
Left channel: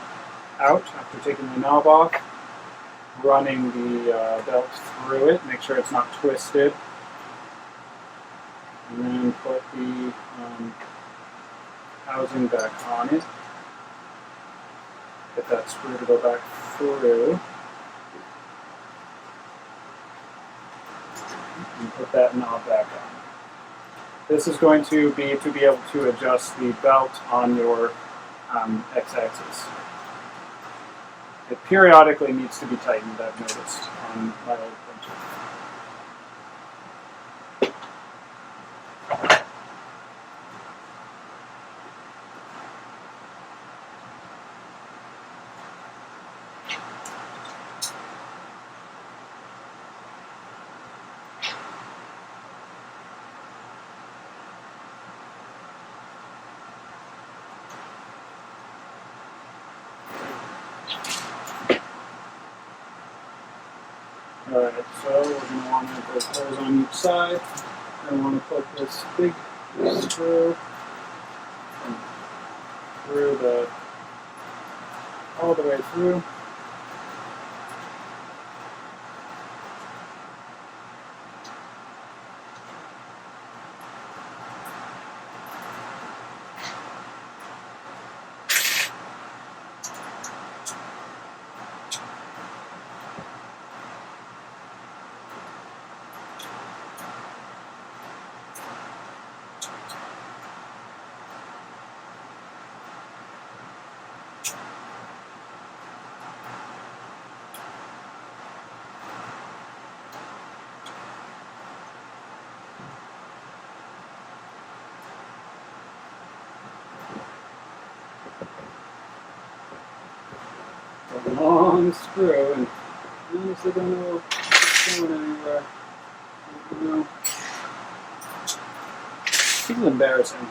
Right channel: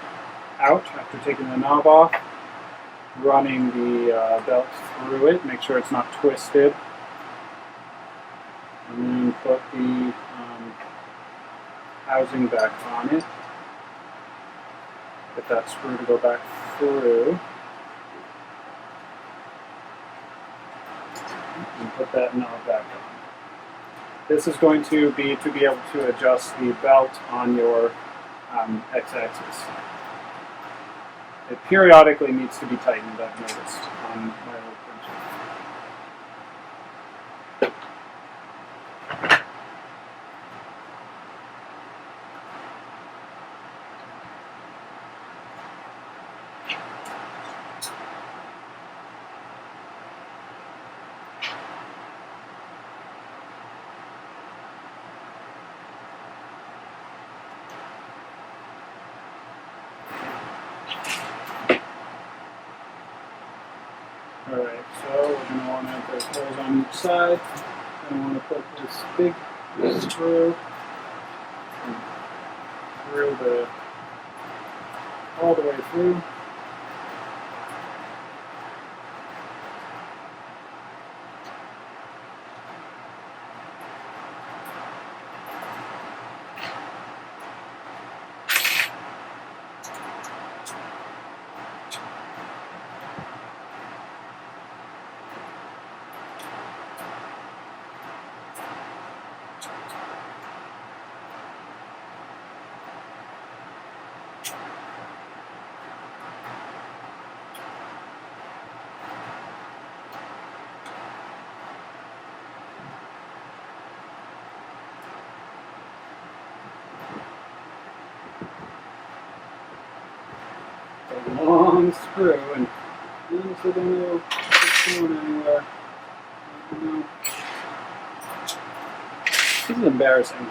out after taking the knob off, running the belt through it, make sure it's not twisted, and then put the housing back on it. Get that screw to go back through. And put that knob back on. This is going to be able to adjust the belt on your x-axis. It periodically needs to be tightened, I've noticed, on my old printer. Alright, so we're going to want to, there's holes on each side. I want to put this big screw through all the way through. A long screw, and I honestly don't know if it's going anywhere. I don't know. This is embarrassing.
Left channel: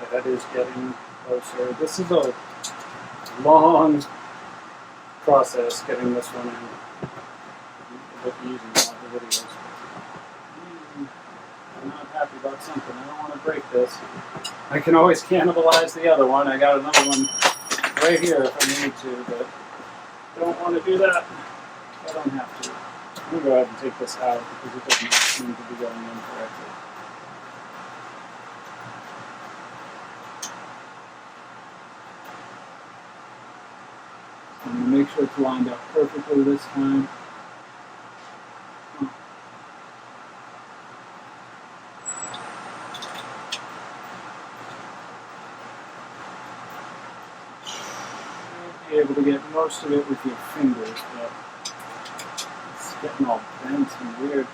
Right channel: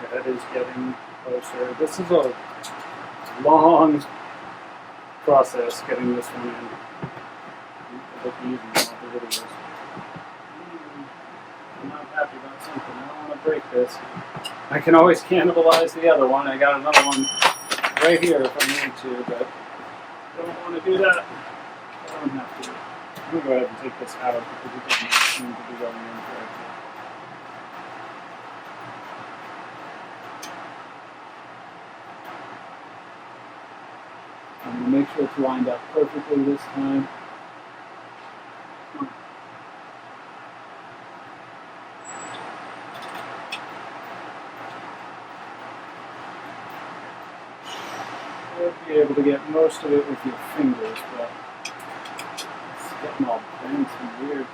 The head is getting closer. This is a long process getting this one in. I'll be using all the videos. I'm not happy about something. I don't want to break this. I can always cannibalize the other one. I got another one right here if I need to, but I don't want to do that. I don't have to. I'm going to go ahead and take this out because it doesn't seem to be going in correctly. I'm going to make sure it's lined up perfectly this time. Should be able to get most of it with your fingers, but it's getting all bent and weird.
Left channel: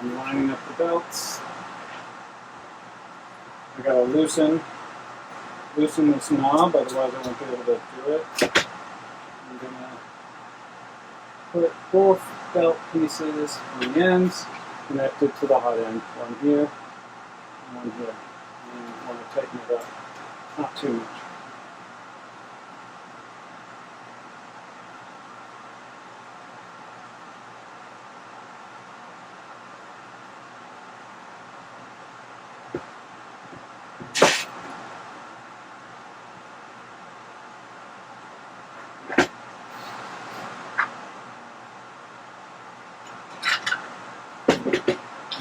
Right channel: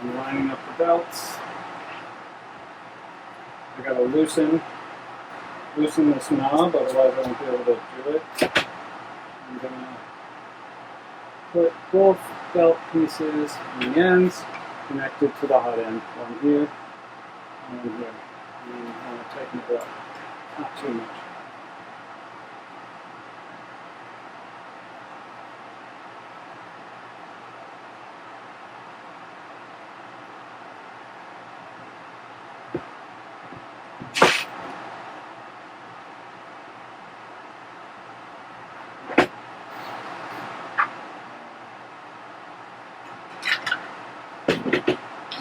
I'm lining up the belts. I gotta loosen loosen this knob, otherwise I won't be able to do it. I'm going to put both belt pieces on the ends connected to the hot end. One here, and one here. And I want to tighten it up, not too much.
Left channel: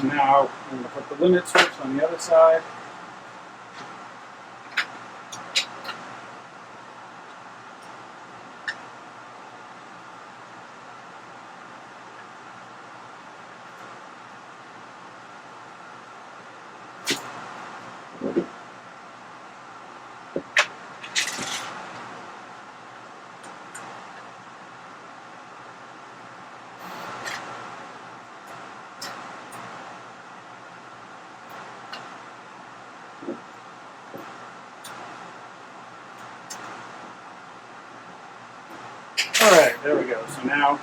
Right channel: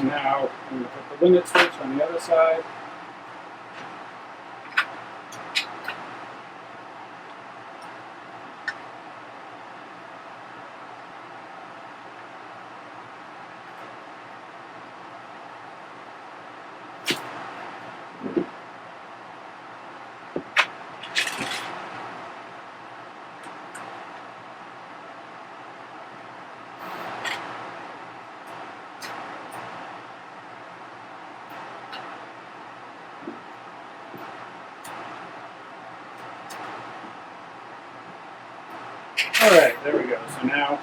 Now I'm going to put the limit switch on the other side. Alright, there we go. So now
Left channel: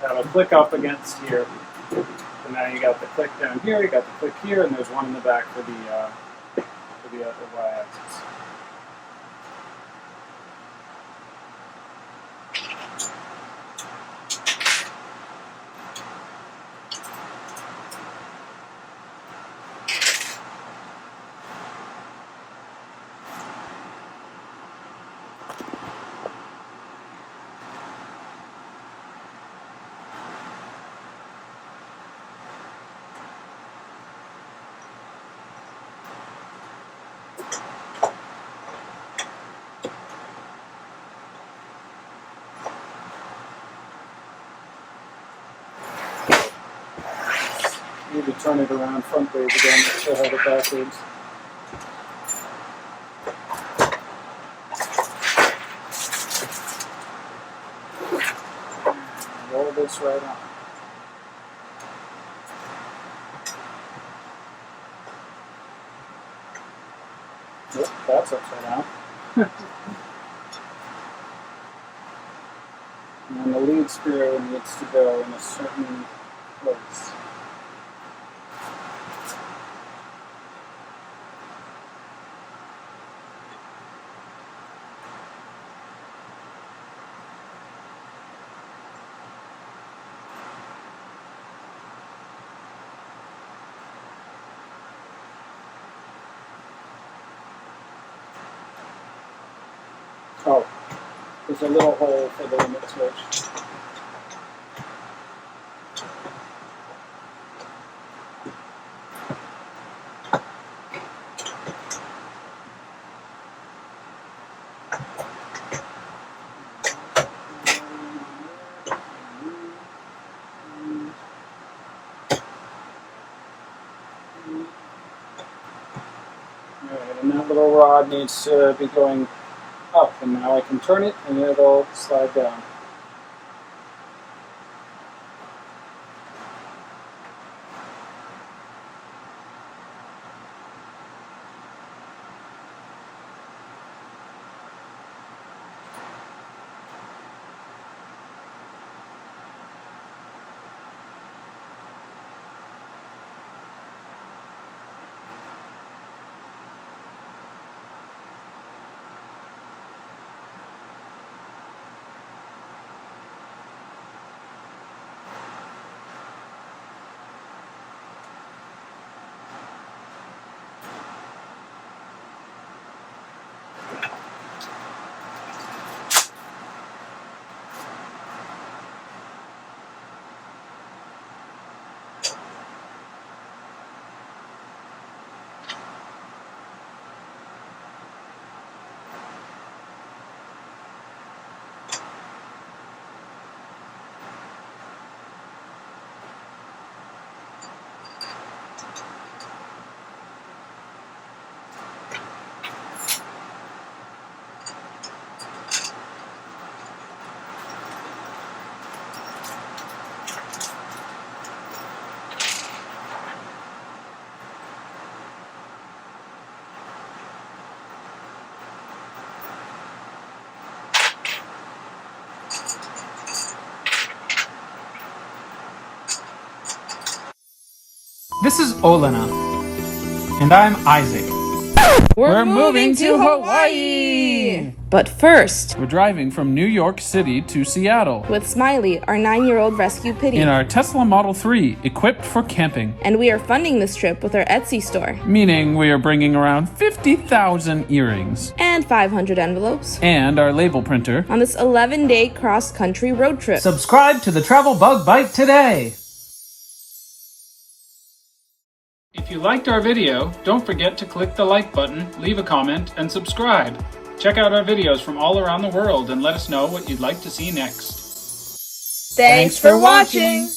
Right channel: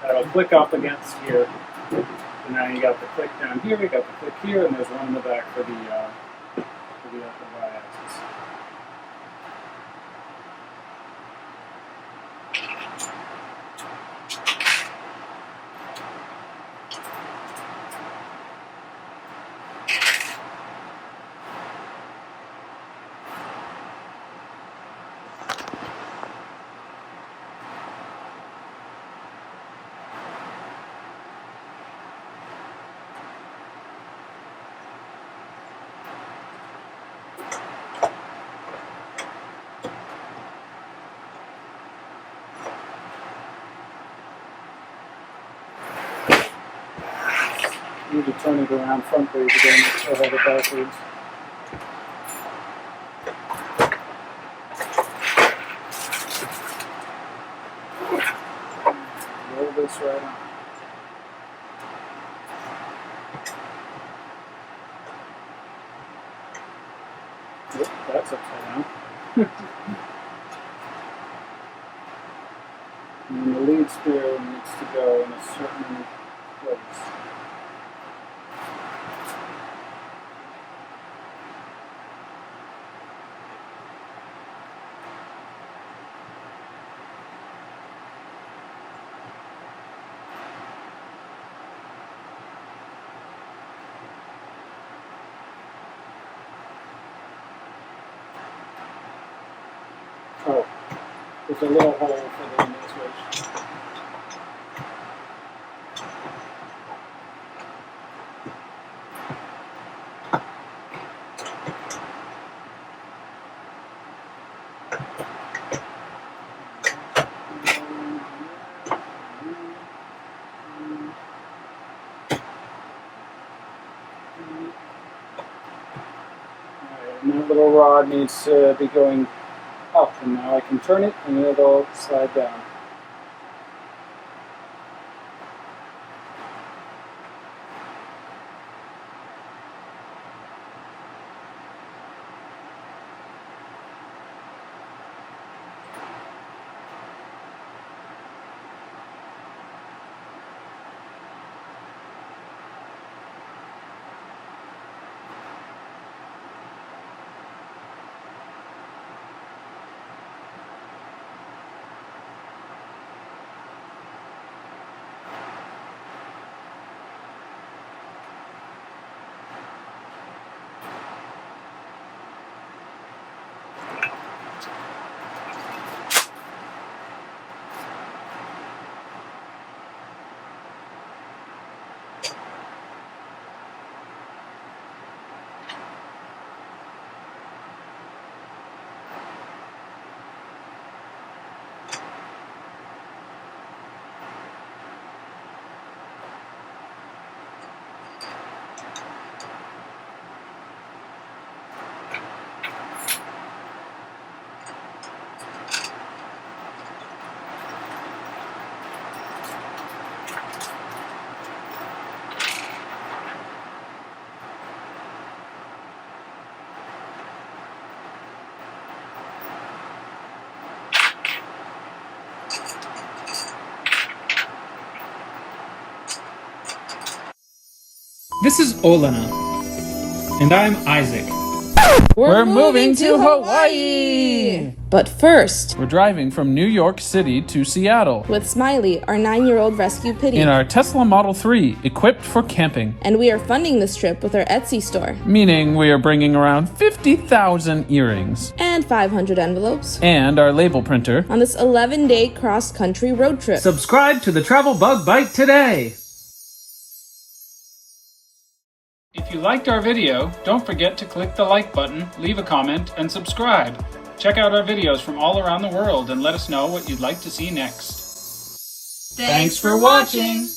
that'll click up against here. So now you got the click down here, you got the click here, and there's one in the back for the upper y-axis. Need to turn it around front ways again, so I have it backwards. Roll this right on. Yep, that's upside down. And then the lead screw needs to go in a certain place. Oh, there's a little hole for the limit switch. Alright, and that little rod needs to be going up, and now I can turn it and it'll slide down. This is Olena. And I'm Isaac. We're moving to Hawaii! But first, We're driving from New York City to Seattle with Smiley, our 9-year-old rescue pitty. in our Tesla Model 3, equipped for camping. And we are funding this trip with our Etsy store. Meaning we are bringing around 50,000 earrings. And 500 envelopes. And our label printer. On this 11-day cross-country road trip. Subscribe to the Travel Bug Bite today. If you liked our video, don't forget to click the like button, leave a comment, and subscribe. Check out our videos from all around the world and let us know what you'd like to see next. Thanks for watching!